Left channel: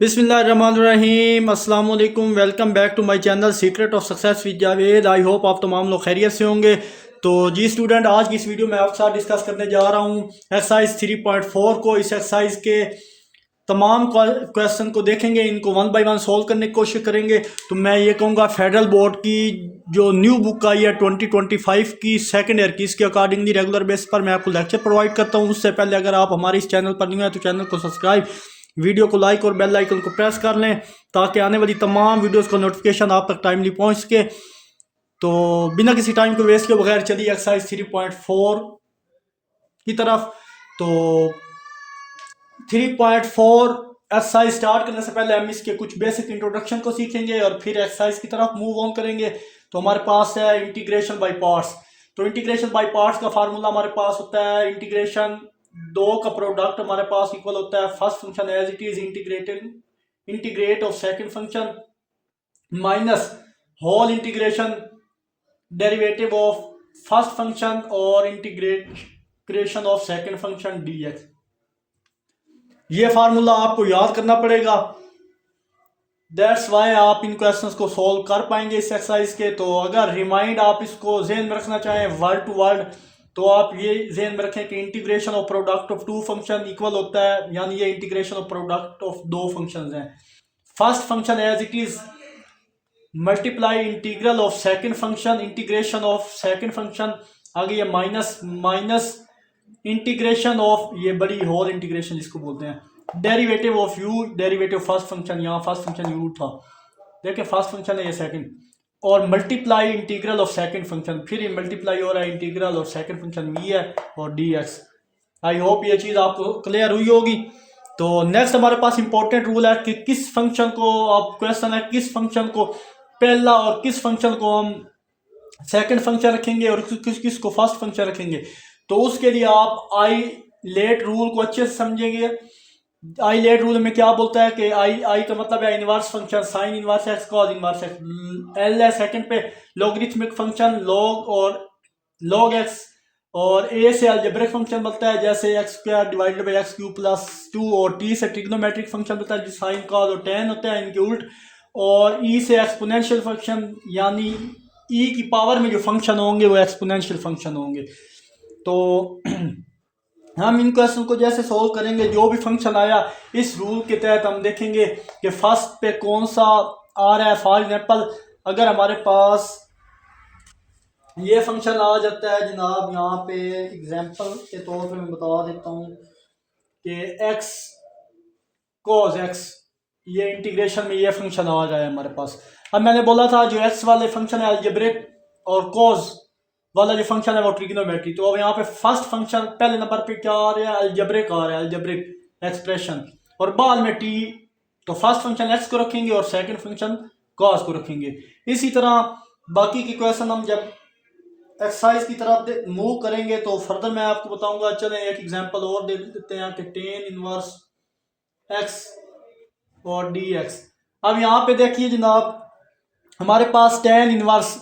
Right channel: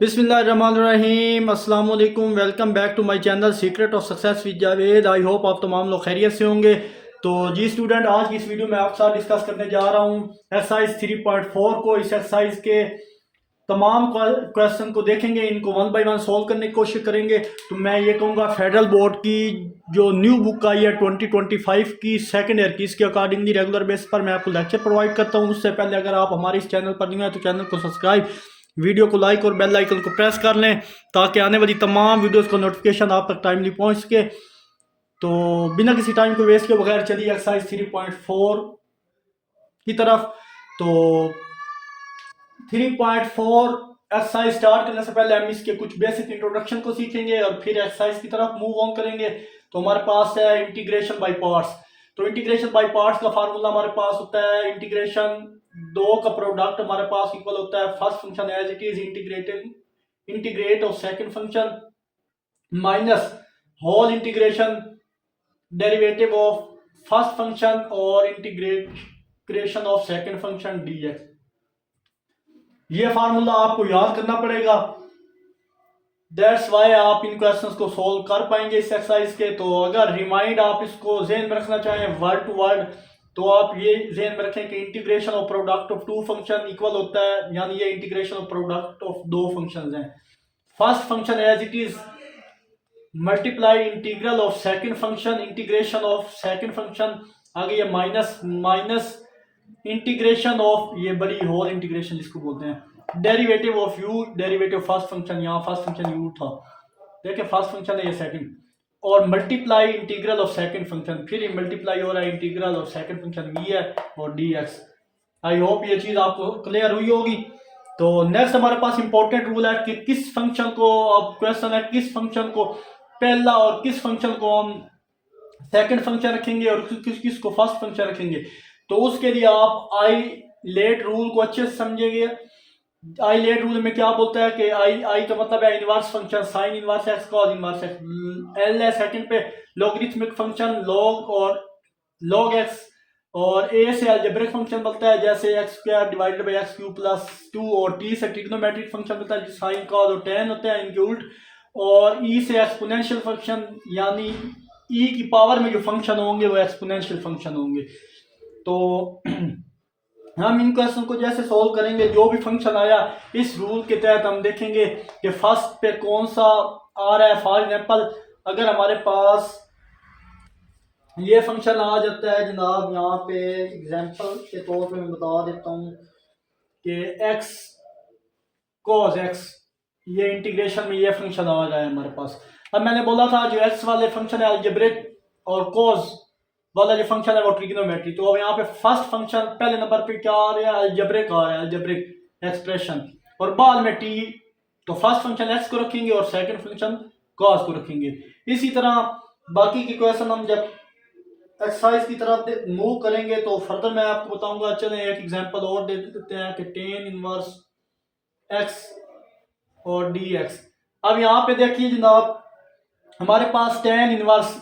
बिस्मिल्लाहिर्रहमानिर्रहीम अस्सलाम वालेकुम। Welcome back to my channel secret of success with Javed. I hope आप तमाम लोग खैरियत से होंगे। तो जी स्टूडेंट, आज की इस वीडियो में आपके साथ डिस्कस करने जा रहा हूँ एक्सरसाइज 3.4 को। इस एक्सरसाइज के तमाम क्वेश्चन को देखेंगे, इनको वन बाय वन सोल्व करने की कोशिश करेंगे। तो मैं ये कहूँगा फेडरल बोर्ड की जो न्यू बुक आई है 2025 की सेकंड ईयर की, इसके अकॉर्डिंगली रेगुलर बेस पर मैं आपको लेक्चर प्रोवाइड करता हूँ। उससे पहले अगर आप हमारे इस चैनल पर नहीं हैं तो चैनल को सब्सक्राइब, वीडियो को लाइक और बेल आइकन को प्रेस कर लें ताकि आने वाली तमाम वीडियोस को नोटिफिकेशन आप तक टाइमली पहुंच सके। तो बिना किसी टाइम को वेस्ट किए बगैर चलिए एक्सरसाइज 3.4 की तरफ। तो 3.4 एक्सरसाइज स्टार्ट करने से पहले हम इसके कुछ बेसिक इंट्रोडक्शन को सीखेंगे और फिर एक्सरसाइज की तरफ मूव ऑन करेंगे। तो हमारे पास है इंटीग्रेशन बाय पार्ट्स। तो इंटीग्रेशन बाय पार्ट्स का फार्मूला हमारे पास होता है इंटीग्रेशन दो का प्रोडक्ट हमारे पास इक्वल होता है first function as it is integrate of second function minus whole integration derivative of first function और integration of second function dx। ये फार्मूला आपको याद करना पड़ेगा। दैट्स वाई आप इन क्वेश्चंस को सॉल्व कर पाएंगे इस एक्सरसाइज के। तो अगर रिमाइंड आप इसको ज़हन में रखना चाहें वर्ड टू वर्ड, तो आप ये ज़हन में रखें कि integration of product of two function equal होता है, यानी ये इंटीग्रेशन ऑफ प्रोडक्ट ऑफ दो फंक्शंस हैं। First function as it is multiply integral of second function, integration of second function, आगे ये माइनस इंटीग्रेशन ऑफ ये बड़ी होल इंटीग्रेशन जिसको बोलते हैं derivative of u, derivative first function, यहाँ फर्स्ट फंक्शन यू था, देखिए फर्स्ट फंक्शन है ये सेकंड, और multiply integral of second function, फिर ये मल्टीप्लाई हो रहा है integral of second function v है और डी एक्स। आई होप ये चीज़ आपको क्लियर हुई होगी। तो नेक्स्ट हमारे पास इंपॉर्टेंट रूल है कि किस फंक्शन को, आप क्वेश्चन है किस फंक्शन को पहला और किस फंक्शन को हम सेकंड फंक्शन रखेंगे और किस को फर्स्ट फंक्शन रखेंगे। तो उसके लिए आप आई लेट रूल को अच्छे से समझेंगे। आई लेट रूल में क्या बोलता है कि आई का मतलब है inverse function, sine inverse x cos inverse x. L है सेकंड पे लॉगरिथमिक फंक्शन लॉग और लॉग एक्स, और ए से अलजेब्रिक फंक्शन बनता है जैसे x square divided by x cube plus 2, और टी से ट्रिग्नोमेट्रिक फंक्शन बनता है जो साइन कॉस और टेन होते हैं इनके उल्ट, और ई से एक्सपोनेंशियल फंक्शन यानी ई की पावर में जो फंक्शन होंगे वो एक्सपोनेंशियल फंक्शन होंगे। तो हम इन क्वेश्चन को जैसे सोल्व करेंगे, जो भी फंक्शन आया इस रूल के तहत हम देखेंगे कि फर्स्ट पे कौन सा आ रहा है। फॉर एग्जांपल अगर हमारे पास ये फंक्शन आ जाता है जनाब, यहाँ पे एग्जांपल के तौर पे मैं बता देता हूँ कि एक्स कॉस एक्स, ये इंटीग्रेशन में ये फंक्शन आ रहा है हमारे पास। अब मैंने बोला था जो एक्स वाले फंक्शन है अलजेब्रिक और कॉस वाला जो फंक्शन है वो ट्रिग्नोमेट्री। तो अब यहाँ पे फर्स्ट फंक्शन पहले नंबर पे क्या आ रहा है, अलजेब्रिक आ रहा है, अलजेब्रिक एक्सप्रेशन, और बाद में टी। तो फर्स्ट फंक्शन एक्स को रखेंगे और सेकंड फंक्शन कॉस को रखेंगे। इसी तरह बाकी के क्वेश्चन हम जब एक्सरसाइज की तरफ मूव करेंगे तो फर्दर मैं आपको बताऊंगा। चलें एक एग्जांपल और दे देते हैं कि टेन इनवर्स एक्स और डी एक्स। अब यहाँ पे देखिए जनाब, हमारे पास टेन इनवर्स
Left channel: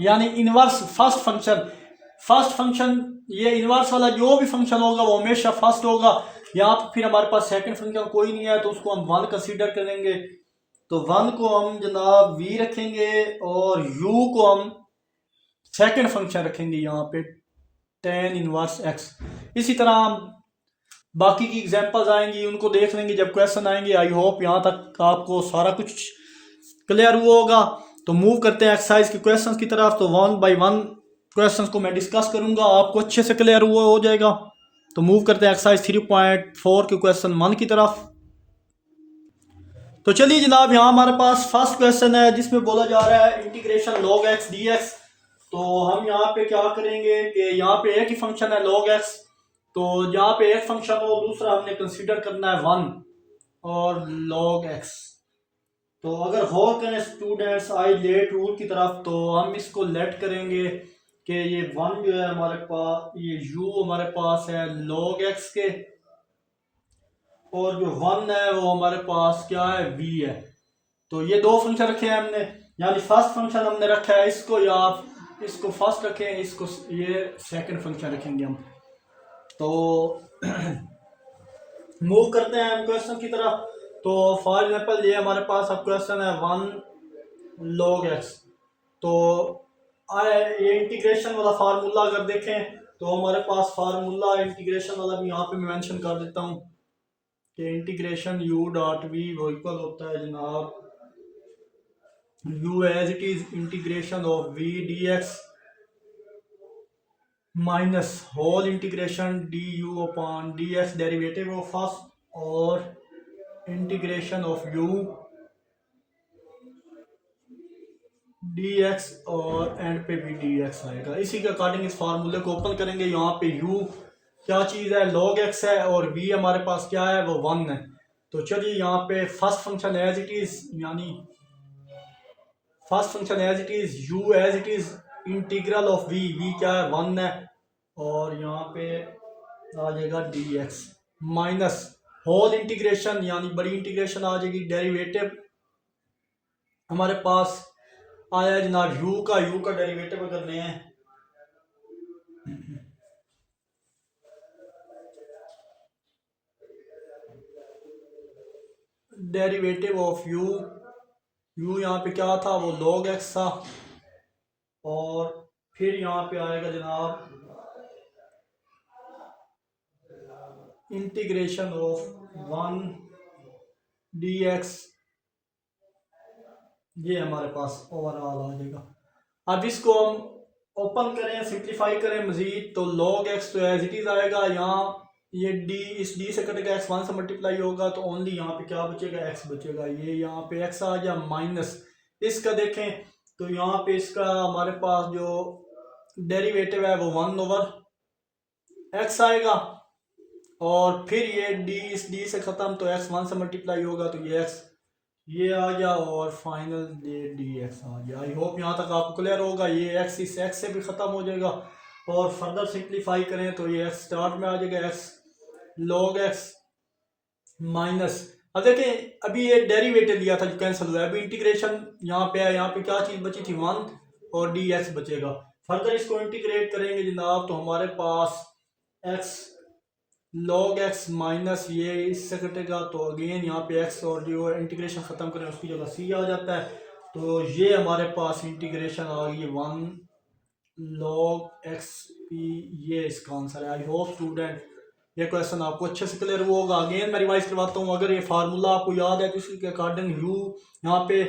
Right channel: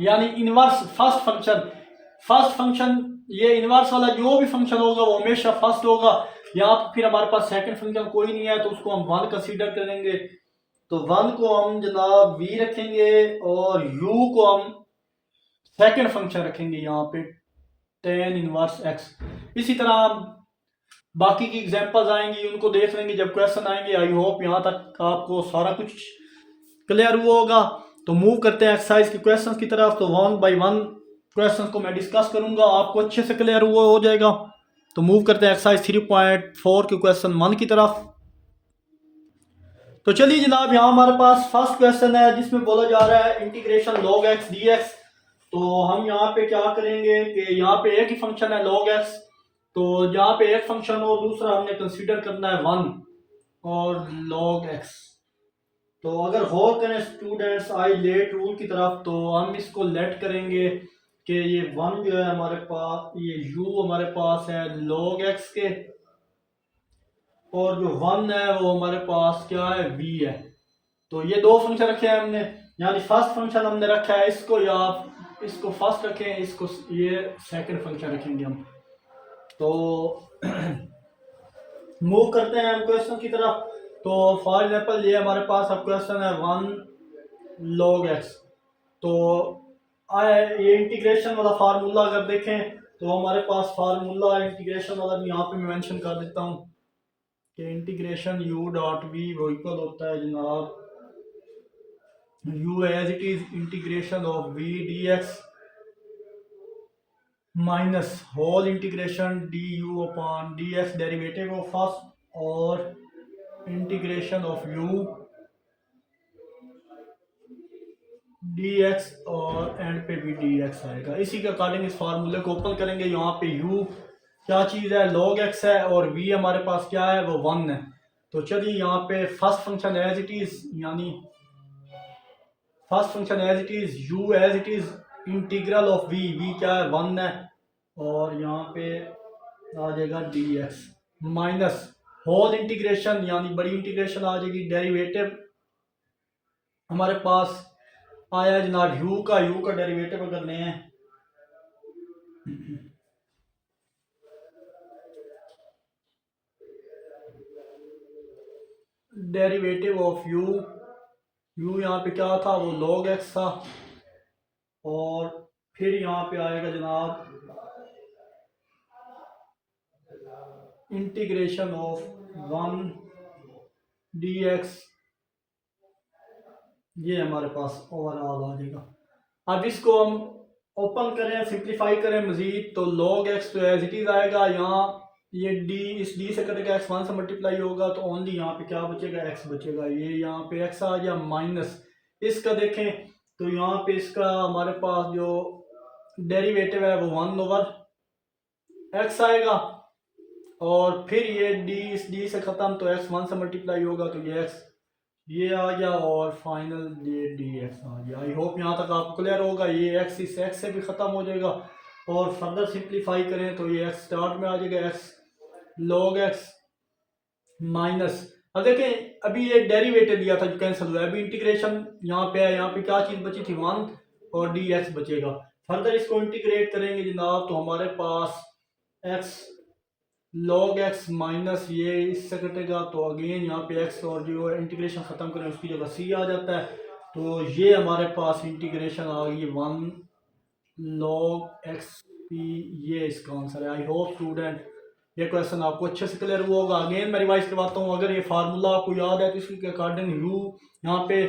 यानी इनवर्स फर्स्ट फंक्शन ये इनवर्स वाला जो भी फंक्शन होगा वो हमेशा फर्स्ट होगा। यहाँ पर फिर हमारे पास सेकंड फंक्शन कोई नहीं है तो उसको हम वन कंसीडर करेंगे। तो वन को हम जनाब वी रखेंगे और यू को हम सेकंड फंक्शन रखेंगे यहाँ पे टेन इनवर्स एक्स। इसी तरह बाकी की एग्जांपल्स आएंगी उनको देख लेंगे जब क्वेश्चन आएंगे। आई होप यहाँ तक आपको सारा कुछ क्लियर हुआ होगा। तो मूव करते हैं एक्सरसाइज के क्वेश्चंस की तरफ। तो वन बाय वन क्वेश्चंस को मैं डिस्कस करूंगा, आपको अच्छे से क्लियर हुआ हो जाएगा। तो मूव करते हैं एक्सरसाइज 3.4 के क्वेश्चन 1 की तरफ। तो चलिए जनाब, यहाँ हमारे पास फर्स्ट क्वेश्चन है जिसमें बोला जा रहा है integration log x D x. तो हम यहाँ पे क्या करेंगे कि यहाँ पे एक ही फंक्शन है लॉग एक्स, तो यहाँ पे एक फंक्शन हो, दूसरा हमने कंसीडर करना है वन और लॉग एक्स। तो अगर गौर करें स्टूडेंट्स आई लेट रूल की तरफ, तो हम इसको लेट करेंगे कि ये वन जो है हमारे पास, ये यू हमारे पास है लॉग एक्स के, और जो वन है वो हमारे पास क्या है वी है। तो ये दो फंक्शन रखे हैं हमने, यानी फर्स्ट फंक्शन हमने रखा है इसको, या आप इसको फर्स्ट रखें, इसको ये सेकंड फंक्शन रखेंगे हम। तो मूव करते हैं हम क्वेश्चन की तरफ। तो फॉर एग्जाम्पल ये हमारे पास अब क्वेश्चन है 1 log x। तो ये इंटीग्रेशन वाला फार्मूला अगर देखें तो हमारे पास फार्मूला इंटीग्रेशन वाला भी यहाँ पे मैं मेंशन कर देता हूँ कि इंटीग्रेशन u डॉट वी वो इक्वल होता है जनाब u as it is integration of v dx minus whole integration du upon dx derivative of first और इंटीग्रेशन ऑफ u dx और एंड पे भी dx आएगा। इसी के अकॉर्डिंग इस फार्मूले को ओपन करेंगे। यहाँ पे u क्या चीज़ है, log x है, और v हमारे पास क्या है, वो 1 है। तो चलिए यहाँ पे first function as it is, यानी first function as it is u as it is integral of v क्या है 1 है, और यहाँ पे आ जाएगा dx माइनस होल इंटीग्रेशन यानी बड़ी इंटीग्रेशन आ जाएगी, डेरिवेटिव हमारे पास आया जनाब u का डेरिवेटिव अगर लें डेरिवेटिव ऑफ u यहाँ पे क्या था, वो log x था, और फिर यहाँ पे आएगा जनाब इंटीग्रेशन ऑफ 1 dx, ये हमारे पास ओवरऑल आ जाएगा। अब इसको हम ओपन करें, सिंप्लीफाई करें मजीद, तो log x तो एज इट इज आएगा। यहाँ ये d, इस d से कटेगा, x 1 से मल्टीप्लाई होगा, तो ओनली यहाँ पे क्या बचेगा, x बचेगा। ये यहाँ पे x आ गया माइनस इसका देखें तो यहाँ पे इसका हमारे पास जो डेरिवेटिव है वो 1/x आएगा, और फिर ये d, इस d से ख़त्म, तो x 1 से मल्टीप्लाई होगा, तो ये x ये आ गया, और फाइनल ये dx आ गया। आई होप यहाँ तक आपको क्लियर होगा। ये x इस x से भी ख़त्म हो जाएगा, और फर्दर सिंप्लीफाई करें तो ये x स्टार्ट में आ जाएगा, x log x माइनस, अब देखें अभी ये डेरिवेटिव लिया था जो कैंसिल हुआ है, अभी इंटीग्रेशन यहाँ पे है, यहाँ पे क्या चीज़ बची थी 1 और dx बचेगा। फर्दर इसको इंटीग्रेट करेंगे जनाब, तो हमारे पास x log x माइनस ये इससे कटेगा, तो अगेन यहाँ पे x और जो इंटीग्रेशन ख़त्म करें उसकी जगह c आ जाता है, तो ये हमारे पास इंटीग्रेशन आ गई 1 log x p, ये इसका आंसर है। आई होप स्टूडेंट ये क्वेश्चन आपको अच्छे से क्लियर हुआ होगा। अगेन मैं रिवाइज करवाता हूँ, अगर ये फार्मूला आपको याद है तो इसके अकॉर्डिंग u यहाँ पे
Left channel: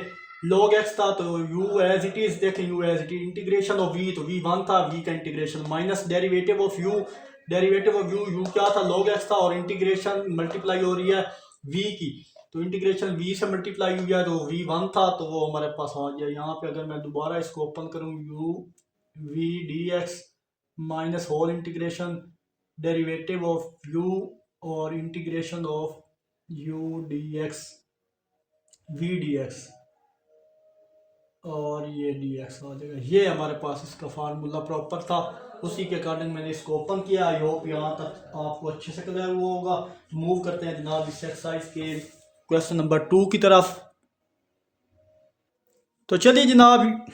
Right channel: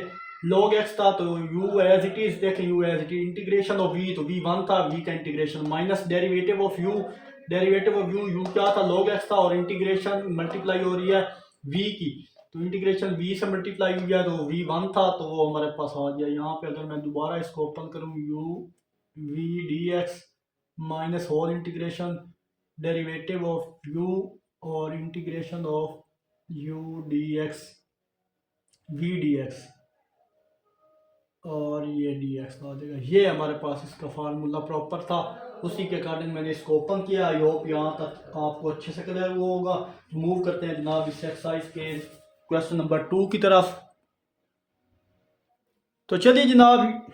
log x था, तो u एज इट इज देखें, u as it is integration of v, तो v 1 था, v का इंटीग्रेशन minus derivative of u, derivative of u क्या था, log x था, और इंटीग्रेशन मल्टीप्लाई हो रही है v की, तो इंटीग्रेशन v से मल्टीप्लाई हो गया, तो v 1 था, तो वो हमारे पास आ गया। यहाँ पे अगर मैं दोबारा इसको ओपन करूँ, u v dx minus whole integration derivative of u और integration of u dx v dx, और ये dx आ जाएगा। ये हमारे पास इसका फार्मूला प्रॉपर था, उसी के अकॉर्डिंग मैंने इसको ओपन किया। आई होप यहाँ तक आपको अच्छे से क्लियर हुआ होगा। मूव करते हैं जनाब इस एक्सरसाइज के क्वेश्चन नंबर 2 की तरफ। तो चलिए जनाब,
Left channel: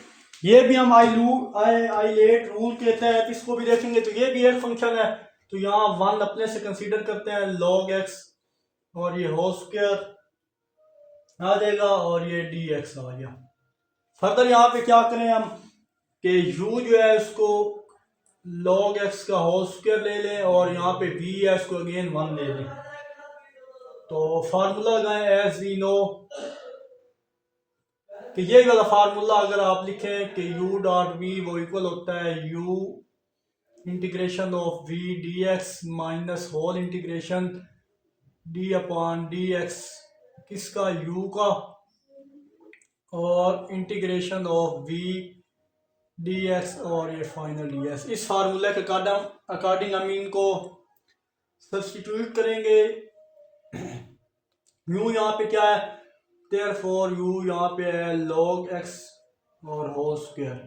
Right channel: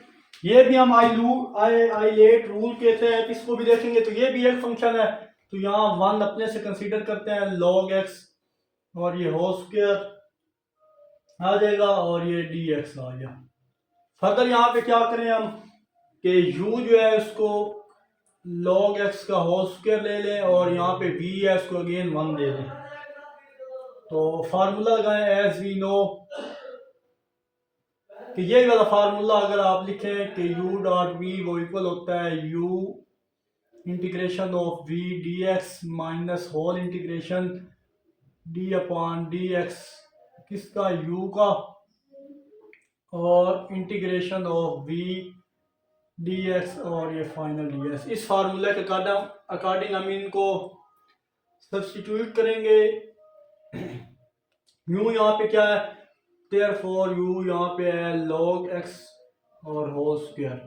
ये भी हम आइलेट रूल के तहत इसको भी देखेंगे। तो ये भी एक फंक्शन है, तो यहाँ 1 अपने से कंसीडर करते हैं, log x, और ये होल स्क्वायर आ जाएगा, और ये dx आ गया। फर्दर यहाँ पे क्या करें हम कि u जो है उसको log x का होल स्क्वायर ले लें, और यहाँ पे v है इसको अगेन 1 ले लें। तो फार्मूला लगाएं एज वी नो, कि ये वाला फार्मूला अगर आप लिखें कि u डॉट v वो इक्वल होता है u integration of v dx minus whole integration d upon dx, किसका, u का, और इंटीग्रेशन ऑफ v dx, और ये फाइनल dx। इस फार्मूले के अकॉर्डिंग हम इनको सब्स्टिट्यूट करेंगे। u यहाँ पे क्या है, देयरफॉर u यहाँ पे है log x और whole square,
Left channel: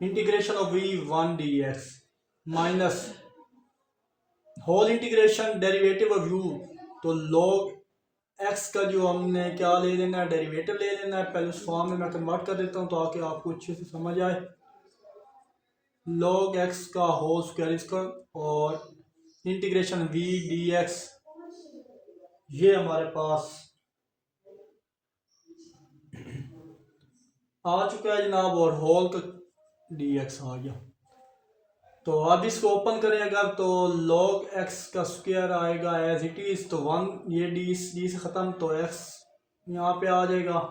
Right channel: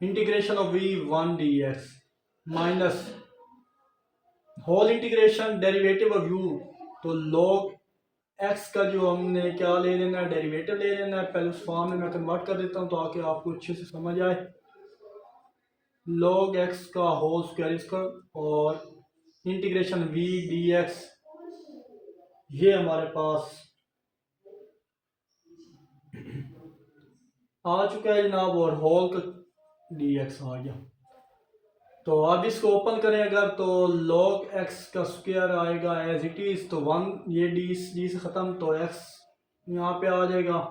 integration of v 1 dx minus whole integration derivative of u, तो log x का जो हमने क्या ले लेना है, डेरिवेटिव ले लेना है। पहले उस फॉर्म में मैं कन्वर्ट कर देता हूँ ताकि आपको अच्छे से समझ आए। log x का होल स्क्वायर इसका, और इंटीग्रेशन v dx, ये हमारे पास आ चुका है जनाब, और होल का डी एक्स आ गया। तो अब इसको ओपन करें अगर, तो log x का स्क्वायर आएगा एज इट इज, तो 1, ये डी से ख़त्म, तो x यहाँ पे आ जाएगा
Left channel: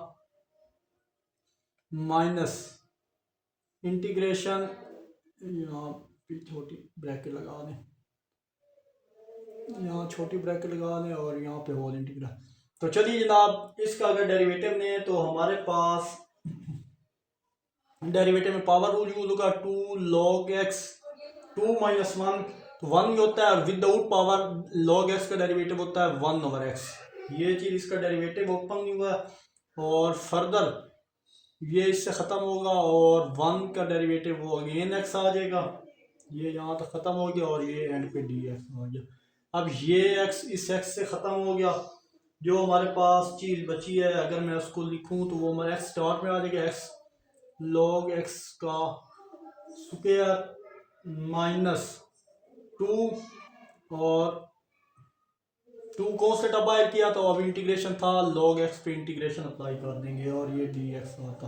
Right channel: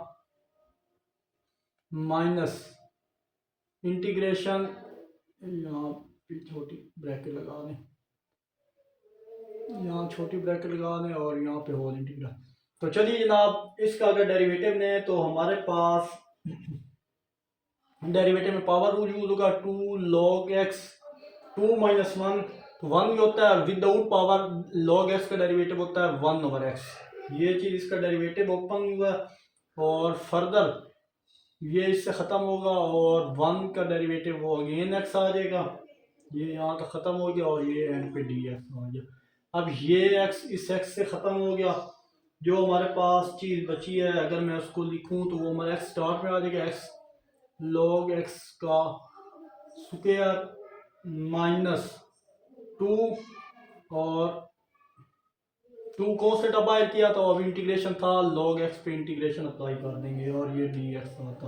माइनस इंटीग्रेशन, यहाँ पे छोटी ब्रैकेट लगा दें, यहाँ छोटी ब्रैकेट लगा दें और यहाँ पे होल इंटीग्रल। तो चलिए जनाब, इसका अगर डेरिवेटिव लें तो हमारे पास डेरिवेटिव में पावर रूल यूज होगा, 2 log x, 2 माइनस 1, तो 1 ही होता है, विदाउट पावर log x का डेरिवेटिव होता है 1/x। ये चीज़ इसका डेरिवेटिव ओपन हुआ, और फर्दर ये इससे ख़त्म होगा, और 1 का डेरिवेटिव वो अगेन x आ जाएगा, ये यहाँ तक ख़त्म हो गया, और ये एंड पे डी एक्स आ गया। अब ये x इस x से ख़त्म हो गया, जो हमारे पास चीज़ बची है अगर मैं उसको लिखूँ तो वो हमारे x स्टार्ट में आ जाएगा, x log x का स्क्वायर माइनस 2, और 2 को से डिवाइड किया, तो अब इंटीग्रेशन था log x पे इंटीग्रेशन अप्लाई कर देंगे, और ये dx होता।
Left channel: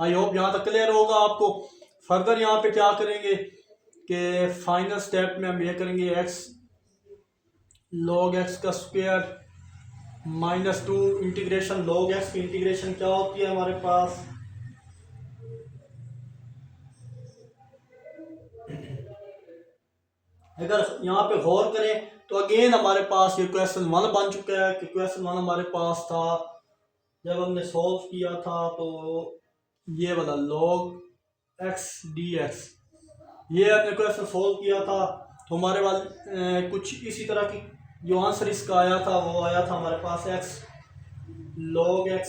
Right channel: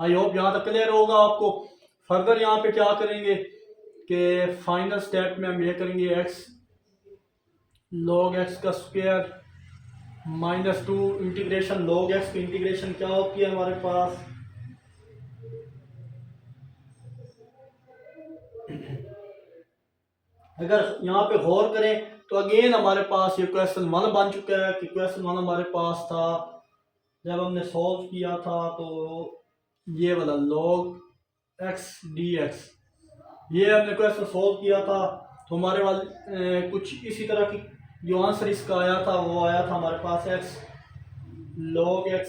आई होप यहाँ तक क्लियर होगा आपको। फर्दर यहाँ पे क्या करेंगे कि फाइनल स्टेप में हम ये करेंगे, x log x का square minus 2 integration log x की इंटीग्रेशन क्या होती है हमारे पास, अगर यहाँ पे गौर करें तो अगेन हमारे पास ये क्वेश्चन 1 बन चुका है, कि क्वेश्चन 1 हमारे पास था जब हमने सॉल्व किया था, तो ये वाला log x dx, ये हमने क्वेश्चन सॉल्व किया था, तो हमारे वाले कुछ इसी तरह की जो आंसर इसका आया था, वो आया था हमारे पास x log x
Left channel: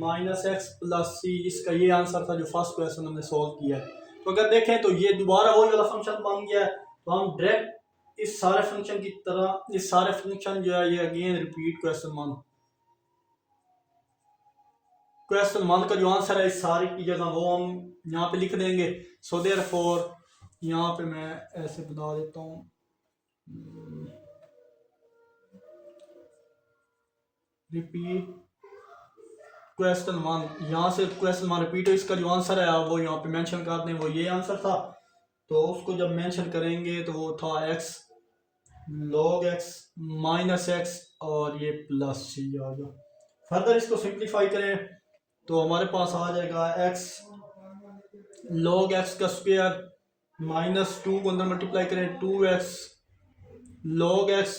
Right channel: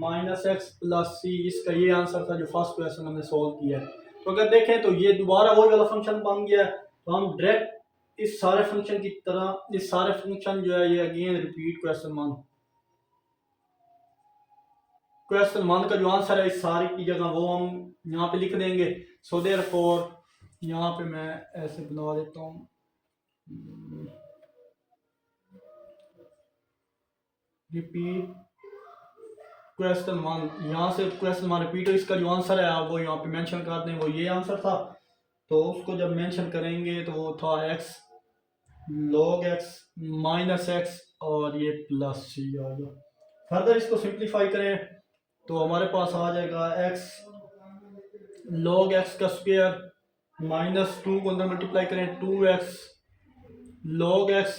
minus X plus C, इसका ये आंसर था जो फर्स्ट क्वेश्चन हमने सॉल्व किया है। तो अगर देखें तो ये दोबारा वही वाला फंक्शन बन गया है, तो हम डायरेक्ट इस सारे फंक्शन की तरह, इस सारे फंक्शन जो है ये अगेन रिपीट क्वेश्चन वन का जो आंसर है इस सारे की जगह वो हम यहाँ पे लिख देंगे। सो देयरफॉर यहाँ पे मैं ऐसे बना देता हूँ, रिपीट क्वेश्चन वन, यहाँ से क्वेश्चन वन रिपीट हो, इसका जो आंसर है वो यहाँ पे मेंशन कर दें, वो ये आंसर था। तो उसको जब मेंशन करेंगे तो वो था x log x minus x, और ये प्लस सी आ गया। फर्दर इसको सिंप्लीफाई करें तो हमारे पास आ जाएगा x log x का स्क्वायर माइनस 2 को अंदर मल्टीप्लाई करें 2x log x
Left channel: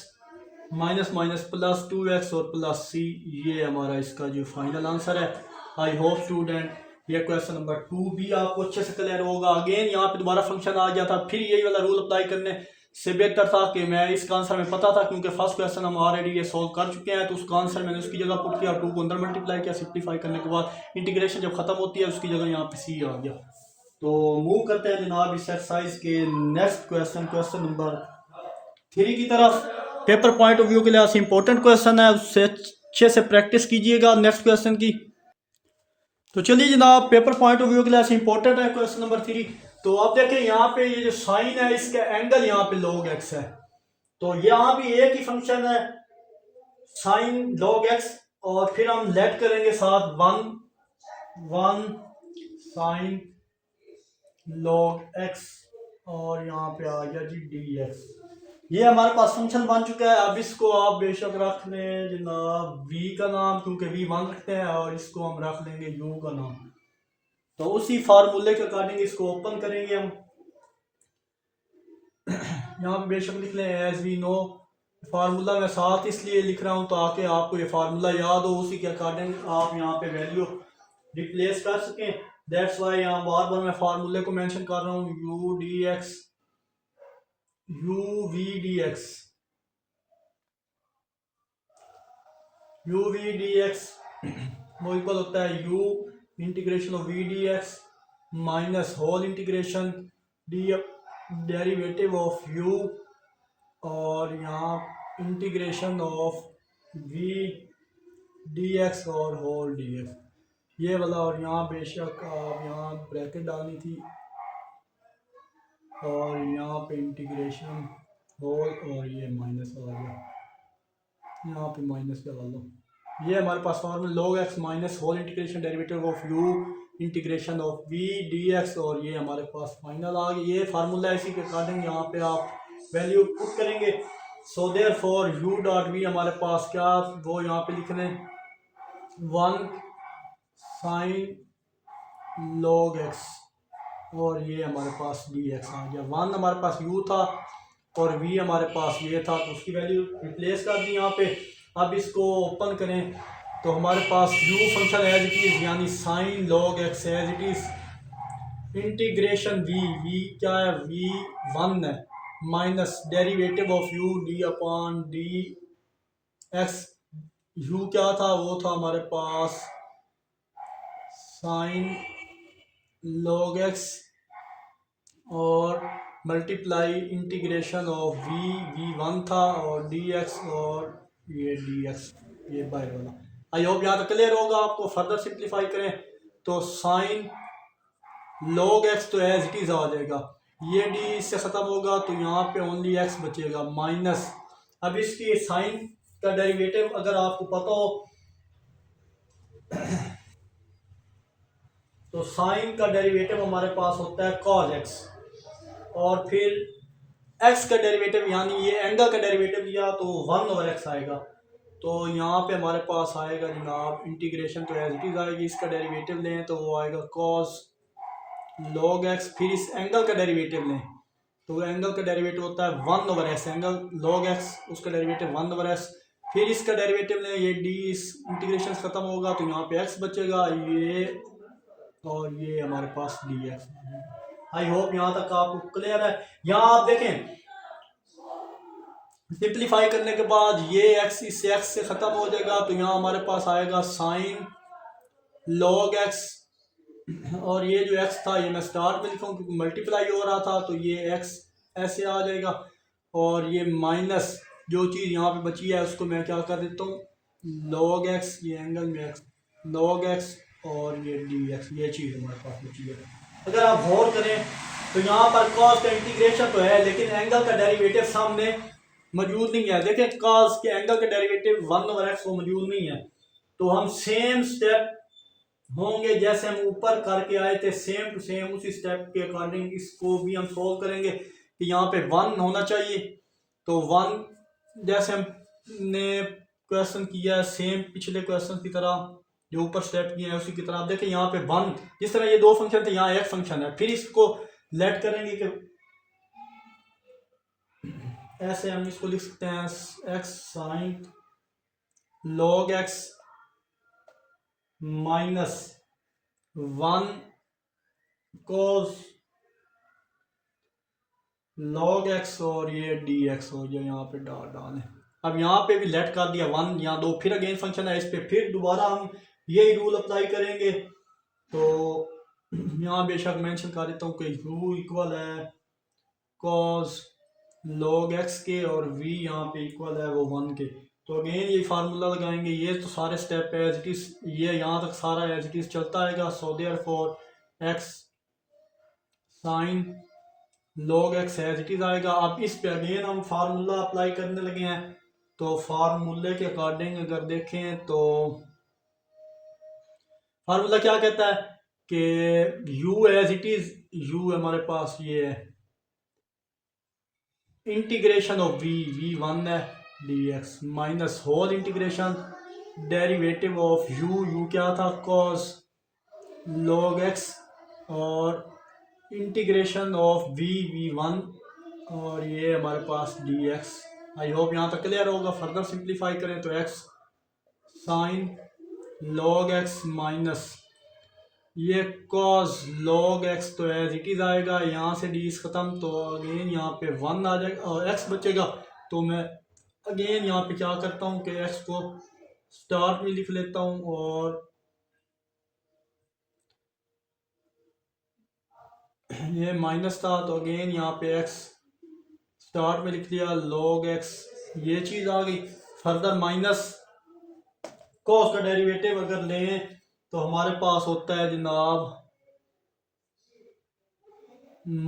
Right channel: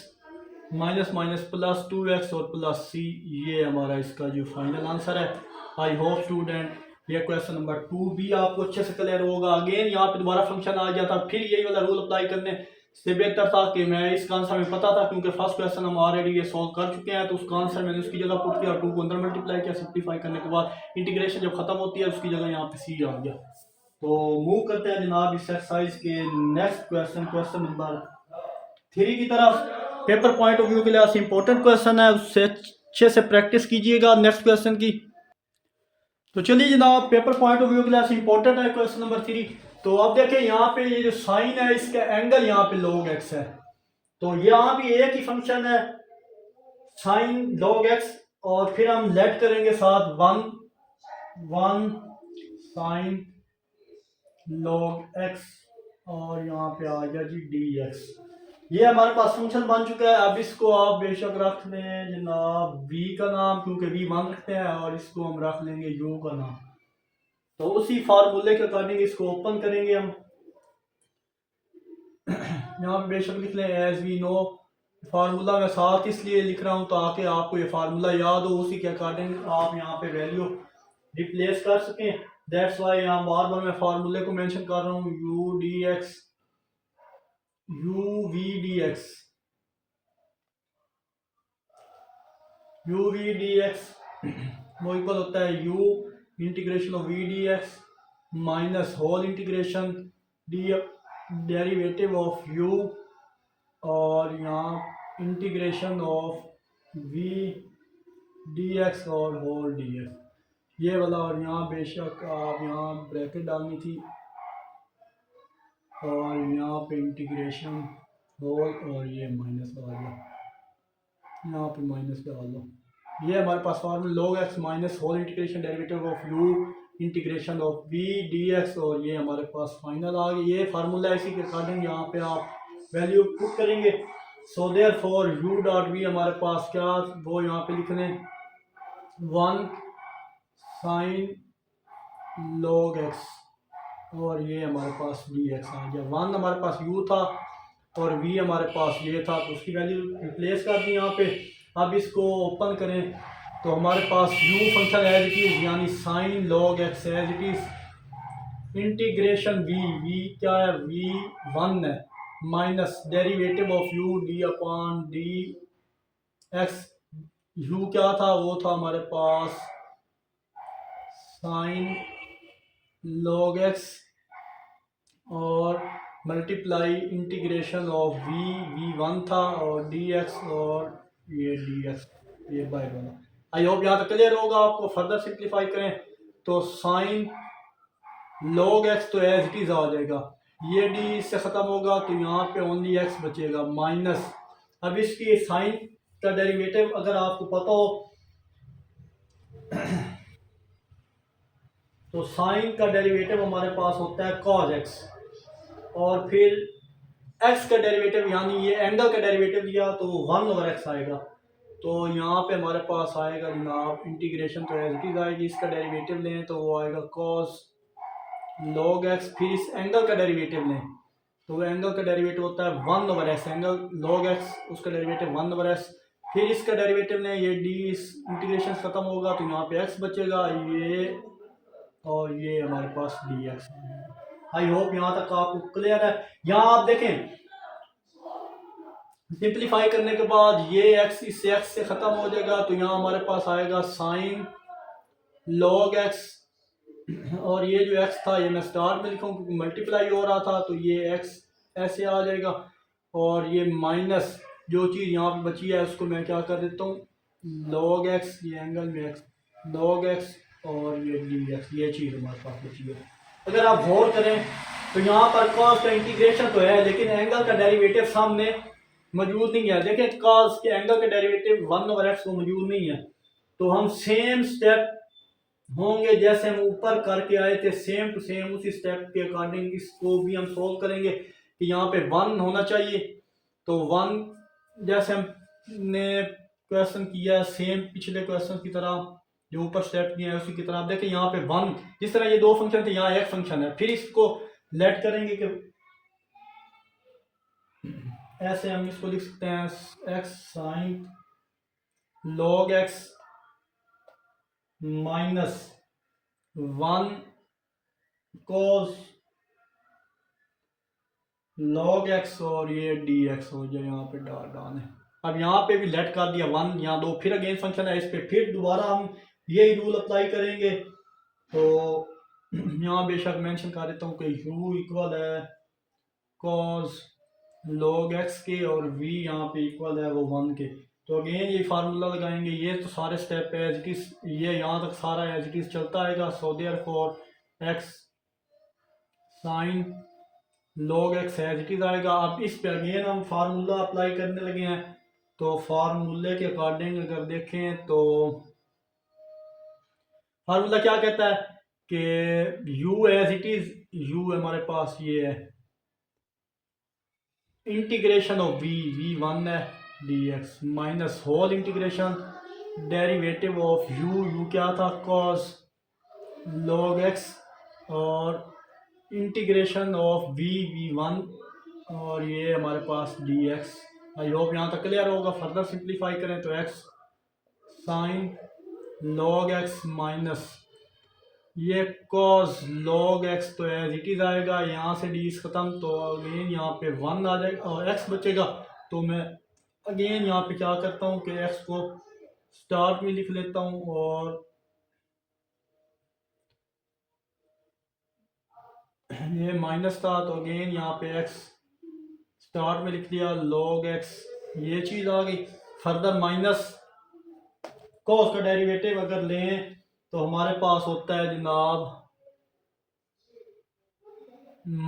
minus minus plus 2x और प्लस सी, ये हमारा इसका जो फाइनल आंसर है। आई होप स्टूडेंट ये क्वेश्चन नंबर 2 भी आपको अच्छे से क्लियर होगा। अगेन यहाँ पे दोबारा फंक्शन आ गया था, फिर यही वाला रूल अप्लाई करने से बेहतर था कि मैं इसका आंसर में पता था, क्योंकि फर्स्ट क्वेश्चन हम ऑलरेडी ये सॉल्व कर चुके हैं, तो उसका आंसर मैंने उसकी जगह पुट किया, 2 को अंदर मल्टीप्लाई किया, सिंप्लीफाई करने के बाद इंटीग्रेशन जब खत्म होती है उसकी जगह यहाँ पे सी आ गया। तो मूव करते हैं जनाब इस एक्सरसाइज के नेक्स्ट क्वेश्चन, क्वेश्चन नंबर 3 की तरफ। पेपर पॉइंट ऑफ व्यू के लिए इंपॉर्टेंट क्वेश्चन है, उससे अच्छे से प्रैक्टिस कीजिएगा नेक्स्ट क्वेश्चन की। तो चलिए जनाब, पेपर पॉइंट ऑफ व्यू के लिए इंपॉर्टेंट है क्वेश्चन नंबर 3। तो आप देखें यहाँ पे ये जो साइन है इसका एंगल यहाँ पे log x है, तो यहाँ भी एक ही फंक्शन है साइन log x, और फिर हम लेट करेंगे साथ 1 साइन log x, और यहाँ पे आ गया जी dx। ये हमारे पास फंक्शन बन चुका है। अब इसको आप बेशक रख लें जनाब v का नाम, क्योंकि v 1 रखते हैं, और इसको हम रख लेंगे u का नाम। तो उसी फार्मूले के अकॉर्डिंग इसको ओपन करेंगे हम। यहाँ पे बेशक लिख लें एज वी नो, फार्मूला मैं साथ इसलिए लिख रहा हूँ ताकि आपको ये फार्मूला याद हो, उसी के अकॉर्डिंग आप यहाँ पे वैल्यू रिप्लेस कर सकें। दैट्स वाई यहाँ बार बार मैं फार्मूले को मेंशन कर रहा हूँ, u dx u v dx u v dx वो इक्वल होता है u integration of v dx minus whole integration derivative of u, और यहाँ इंटीग्रेशन ऑफ v dx और होल dx, ये वाला। और यहाँ बेशक आप यहाँ ब्रैकेट डालनी थी, और यहाँ पे इंटीग्रेशन होल, और ये माइनस आ गया, यहाँ पे माइनस डाल दो, ये हमारे पास formula log x minus whole integration derivative of u integration of v dx, और ये हमारे पास फाइनल आ गया। ये फार्मूला है, इसी के अकॉर्डिंग यहाँ पे आप वैल्यू पुट करेंगे। So therefore u dot v हमारे पास क्या वो यहाँ पे लिखने 1 साइन log x, और ये हमारे पास dx आ गया। 1 हमारे पास u था और v हमारे पास ये था, तो उसकी वैल्यू रिप्लेस कर दी यहाँ पे। अब इसको ओपन करें तो हमारे पास u function as it is यानी sine log x as it is integration v क्या है, v 1 है, minus derivative of u d upon D X. u क्या था, वो था हमारे पास साइन log x और मल्टीप्लाई इंटीग्रेशन ऑफ v1 था और dx, और ये dx ये बाहर वाला। आई होप यहाँ तक क्लियर होगा। आपको फर्दर सिंप्लीफाई करें तो साइन log x तो एज इट इज आ जाएगा, ये d इससे ख़त्म होगा तो यहाँ पे ओनली x बचेगा माइनस। अब इसकी साइन का डेरिवेटिव अगर आपको पता हो तो साइन का डेरिवेटिव हमारे पास होता है cos x, और फिर x का डेरिवेटिव यानी ये एंगल का डेरिवेटिव लिया तो 1/x आएगा। तो यहाँ पे हमारे पास आएगा जनाब इंटीग्रेशन तो एज इट इज आएगी, इसका डेरिवेटिव लें तो वो आएगा cos log x, फिर इस एंगल का डेरिवेटिव लें तो एंगल का डेरिवेटिव होता है 1/x, एंगल log x उसका डेरिवेटिव 1/x, फिर इसका डेरिवेटिव लें, ये d इस इंटीग्रेशन से ख़त्म होगा तो यहाँ पे x बचेगा, ये और ये हमारे पास dx। आई होप यहाँ तक आपको क्लियर है। यहाँ आप देखें सिंप्लीफाई करने के बाद ये x इस x से ख़त्म हो जाएगा तो यहाँ हमारे पास आएगा साइन log x, और ये जो x था ये मैं स्टार में लिखूँ क्योंकि मल्टीप्लाई हो रहा था, तो ये x ऐसे आ जाएगा, और ये माइनस जो चीज़ यहाँ पे बची है उसको मैं क्या कर देता हूँ log x, ये एंगल में x log x और ये dx, ये चीज़ हमारे पास बची है। अगर आप गौर करें तो यहाँ पर cos का इंटीग्रेशन तो है लेकिन एंगल का डेरिवेटिव सामने मौजूद नहीं है। देखें cos के एंगल का डेरिवेटिव 1/x वो मौजूद नहीं है, तो हम सेम स्टेप होंगे जैसे हम ऊपर करके आए थे, सेम टू सेम उसी स्टेप के अकॉर्डिंग इसको भी हम सोल्व करेंगे कि यहाँ पे 1 होना चाहिए। तो 1 जैसे हमने क्वेश्चन किया सेम पिछले क्वेश्चन की तरह जो ऊपर स्टेप किया है उसी की तरह। आप देखें यहाँ पे 1 जिस तरह ये दो फंक्शन थे यहाँ एक फंक्शन है, फिर इसको लेट करेंगे कि ऐसे हम इसको लिख सकते हैं x sine log x minus 1 cos log x और ये dx हो जाए, यहाँ पे डालें। अब यहाँ पे भी लेट कर दिया 1, यहाँ 2, फिर अगेन फंक्शन है, इस पे फिर दोबारा हम यही रूल अप्लाई करेंगे। तो यहाँ बेशक मेंशन कर देता हूँ कि u इक्वल है cos log x के और v यहाँ पे इक्वल है वो 1 के। तो अगेन ये फार्मूला लगाएंगे, ये तो सारे स्टेप एज इट इज, ये यहाँ तक सारा एज इट इज चलता आएगा। So therefore x sine log x as it is आएगा। अब इस पे अगेन हम फार्मूला अप्लाई करने लगे हैं, तो फार्मूले के अकॉर्डिंग अगर देखें तो फार्मूला क्या कहता है कि u as it is, u हमारे पास ये है इंटीग्रेशन ऑफ v1 है dx minus whole integration derivative of u क्या था cos log x और इंटीग्रेशन ऑफ v1 और ये हमारे पास dx। आई होप यहाँ तक क्लियर होगा। फर्दर सिंप्लीफाई करें तो x sine log x minus ये cos log x तो एज इट इज आएगा, यहाँ से d ख़त्म तो अगेन यहाँ पे 1 आ जाएगा और x बचेगा। तो मैं अगेन यहाँ पे क्या करता हूँ कि x को स्टार्ट में लिख लेता हूँ और ये माइनस था तो अगेन यहाँ पे x स्टार्ट में लिख लिया log x, ये चीज़ आ गई। फर्दर माइनस cos का डेरिवेटिव अगर लें तो हमारे पास होता है जनाब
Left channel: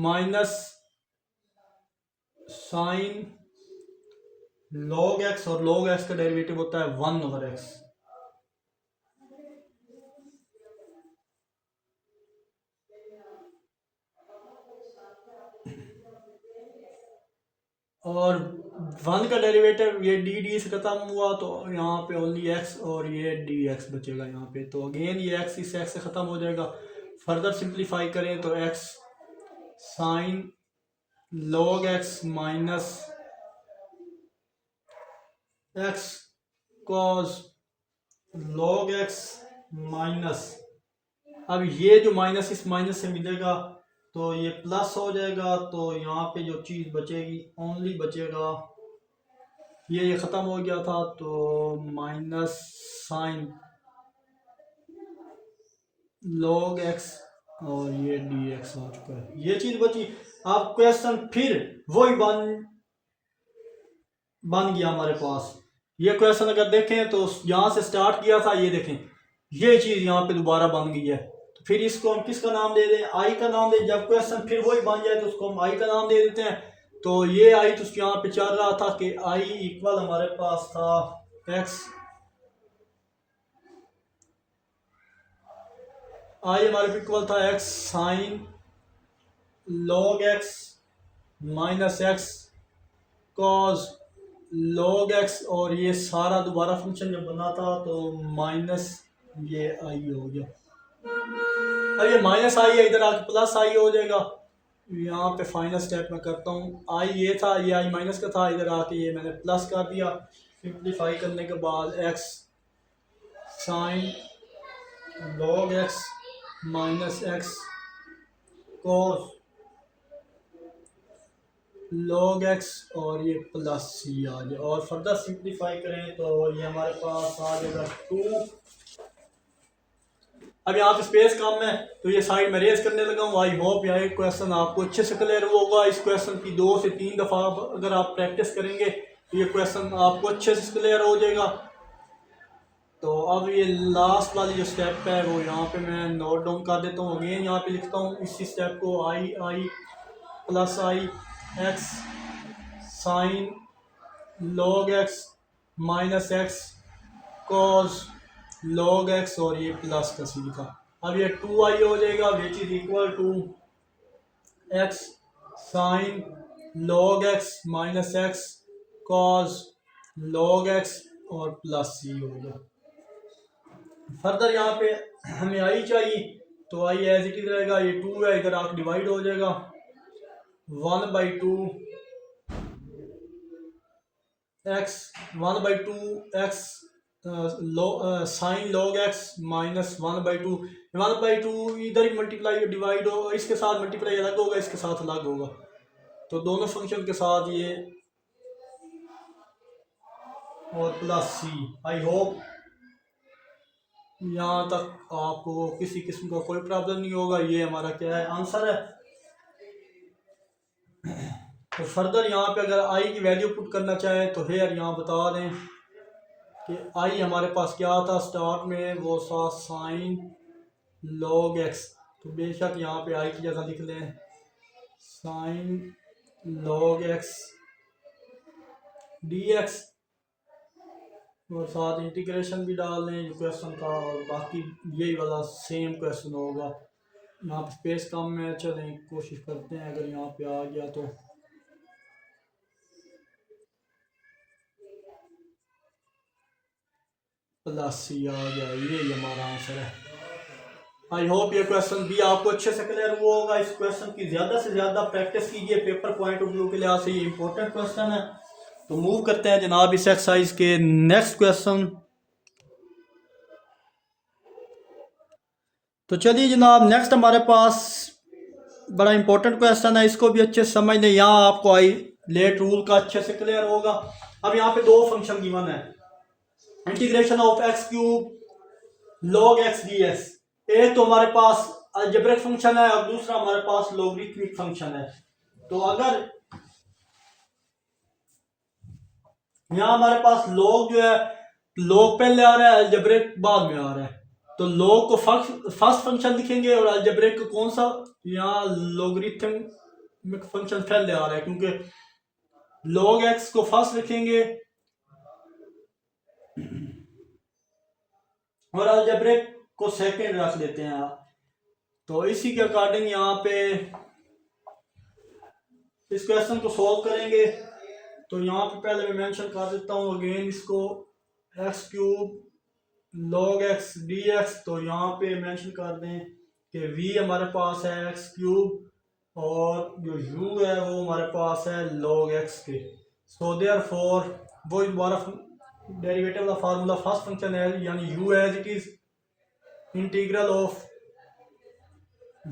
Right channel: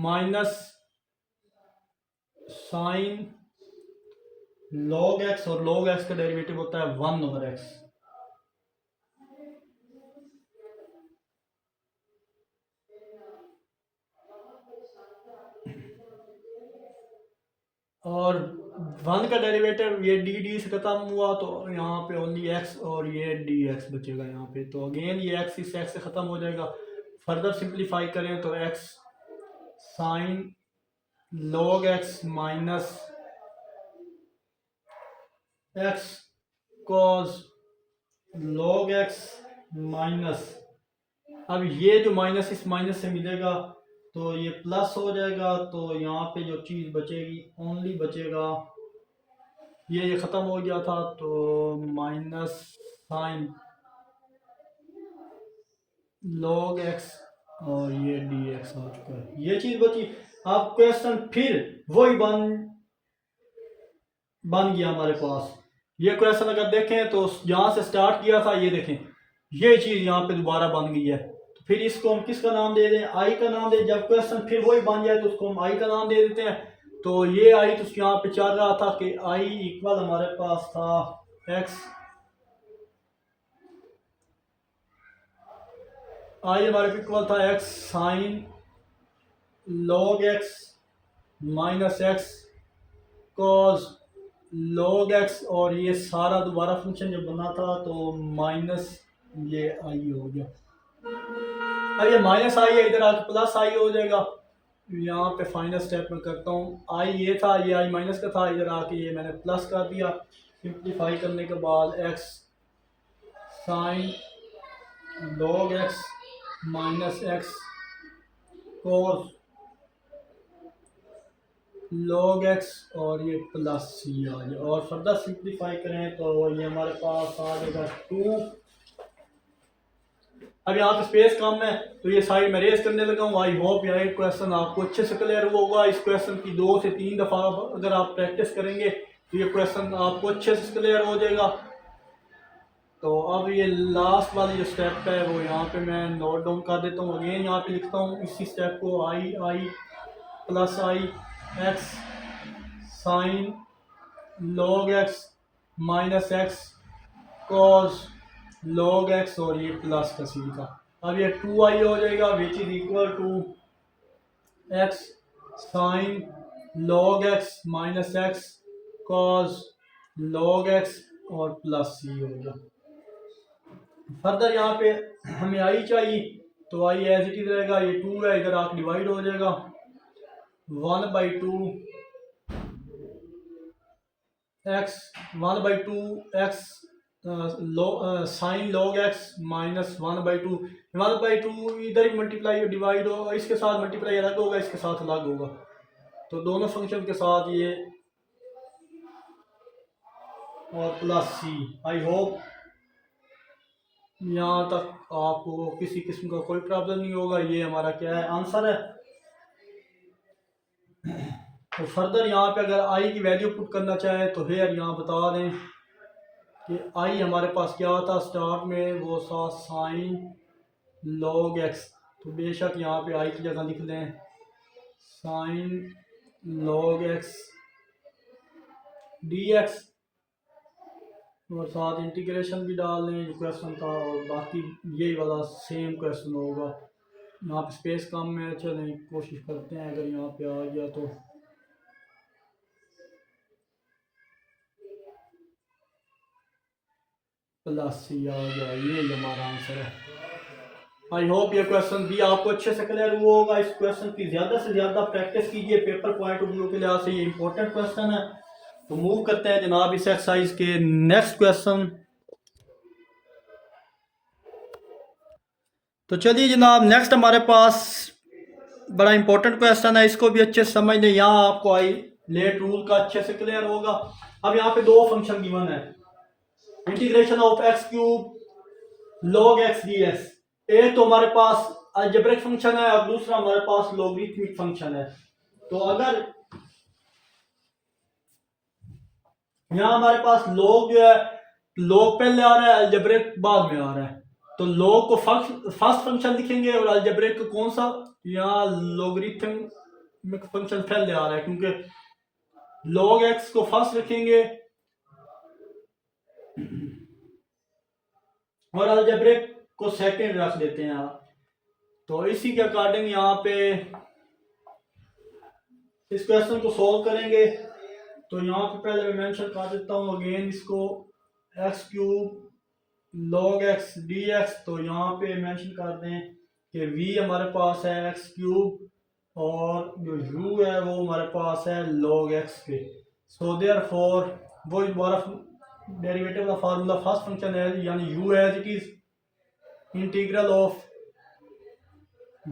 माइनस साइन log x और log x का डेरिवेटिव होता है 1/x। और वन का डेरिवेटिव ये डी से ख़त्म हुआ, तो यहाँ पे ओनली एक्स और ये डी एक्स बचेगा यहाँ पे। तो अगेन ये एक्स इस एक्स से ख़त्म हो जाएगा। फर्दर सिंप्लीफाई करें तो x sine log x minus x cos log x minus, अब ये जो माइनस इस माइनस से मिलेगा तो ये प्लस हो जाएगा। तो यहाँ पे जो चीज़ बचेगी ओनली बचेगा ये ख़त्म हो गया था, तो माइनस साइन लॉग एक्स और ये डी एक्स आ चुका है, ये चीज़ बची। अब क्वेश्चन फिर वही बन गया हमारे पास। ये क्वेश्चन अगर देखें तो यहाँ से स्टार्ट किया था, ये देखें ये चीज़ यहाँ पे दोबारा बन गई है। तो फिर इसको हम किसका नाम दे दें, आई का नाम दे। जब क्वेश्चन फिर वही बन जाए तो उसको हम आई का नाम दे देते हैं। तो ये आई तो यहाँ पे चल रहा था कि आई इक्वल हमारे पास था एक्स, आई हमारे इक्वल था x sine log x minus x cos log x, और ये सारा दोबारा फंक्शन जब बना था तो माइनस ये आई हो गया। अब ये माइनस आई है, इधर आके प्लस आई हो जाएगा। यहाँ पे फाइनल स्टेप में करता हूँ, आई ये था, ये आई माइनस का था, इधर आके ये मैंने प्लस कर दिया। सिंप्लीफाई करने के बाद x sine log x minus x cos log x और ये प्लस सी आ जाए, और फर्दर सिंप्लीफाई करें तो ये हमारे पास आ जाएगा 2। अब यहाँ पे स्पेस कम है तो ये साइड में रेस करने लगा हूँ। आई होप यह क्वेश्चन आपको अच्छे से क्लियर होगा। इस क्वेश्चन की 2 से 3 दफ़ा अगर आप प्रैक्टिस करेंगे तो ये क्वेश्चन आपको अच्छे से क्लियर हो जाएगा। तो अब ये लास्ट वाली जो स्टेप है वो यहाँ पे मैं नोट डाउन कर देता हूँ। अगेन यहाँ पे लिखता हूँ इसी स्टेप को, I plus I X sine log x minus x cos log x और ये प्लस का सी था। अब ये 2i हो जाएगा which is equal to x sine log x minus x cos log x और प्लस सी हो गया। फर्दर यहाँ पे हमें आई चाहिए तो आई एज इट इज रहेगा, ये 2 है, इधर आके डिवाइड हो जाएगा 1/2 x 1/2 x sine log x minus 1/2 इधर ही मल्टीप्लाई डिवाइड हो, इसके साथ मल्टीप्लाई अलग होगा, इसके साथ अलग होगा, तो दोनों फंक्शन के साथ ये और प्लस सी। आई होप यहाँ तक आपको किसी किस्म का कोई प्रॉब्लम नहीं होगा। ये हमारा क्या है, आंसर है। तो फर्दर यहाँ पे अगर आई की वैल्यू पुट करना चाहें तो हेयर यहाँ बता दें कि आई हमारे पास क्या था स्टार्ट में, वो था साइन लॉग एक्स। तो बेशक यहाँ पे आई की जगह लिख लें sign log x D x, और साथ इंटीग्रेशन भी डाल लें जो क्वेश्चन था, और बाकी यही वाला सेम क्वेश्चन होगा। यहाँ पे स्पेस कम है, चलें कोशिश करते हैं अगर यहाँ पे आ गया तो। प्लस सी आ गया, ये हमारा आंसर है। आई होप ये क्वेश्चन भी आपको अच्छे से क्लियर हुआ होगा। इस क्वेश्चन की ज़्यादा से ज़्यादा प्रैक्टिस कीजिए, पेपर पॉइंट ऑफ व्यू के लिहाज से ये इंपॉर्टेंट क्वेश्चन है। तो मूव करते हैं जनाब इस एक्सरसाइज के नेक्स्ट क्वेश्चन। तो चलिए जनाब नेक्स्ट हमारे पास बड़ा इंपॉर्टेंट क्वेश्चन है, इसको भी अच्छे से समझ लें। यहाँ आपको आई लेट रूल का अच्छे से क्लियर होगा। अब यहाँ पे 2 फंक्शन गिवन है, integration of x cube log x D x. एक तो हमारे पास अलजेब्रिक फंक्शन है और दूसरा हमारे पास लॉगरिथमिक फंक्शन है। तो अगर यहाँ हमारे पास लॉग जो है, लॉग पहले आ रहा है, अलजेब्रिक बाद में आ रहा है, तो लॉग को फर्स्ट फंक्शन लिखेंगे और अलजेब्रिक को कौन सा, यहाँ लॉगरिथमिक फंक्शन पहले आ रहा है क्योंकि लॉग एक्स को फर्स्ट लिखेंगे और अलजेब्रिक को सेकंड रख देते हैं। तो इसी के अकॉर्डिंग यहाँ पे इस क्वेश्चन को सॉल्व करेंगे। तो यहाँ पे पहले मैं मेंशन कर देता हूँ अगेन इसको, x cube log x D x. तो यहाँ पे मेंशन कर दें कि v हमारे पास है एक्स क्यूब और जो u है वो हमारे पास है log x के। सो देयरफॉर वो हमारा डेरिवेटिव का फार्मूला फर्स्ट फंक्शन है, यानी u as it is integral of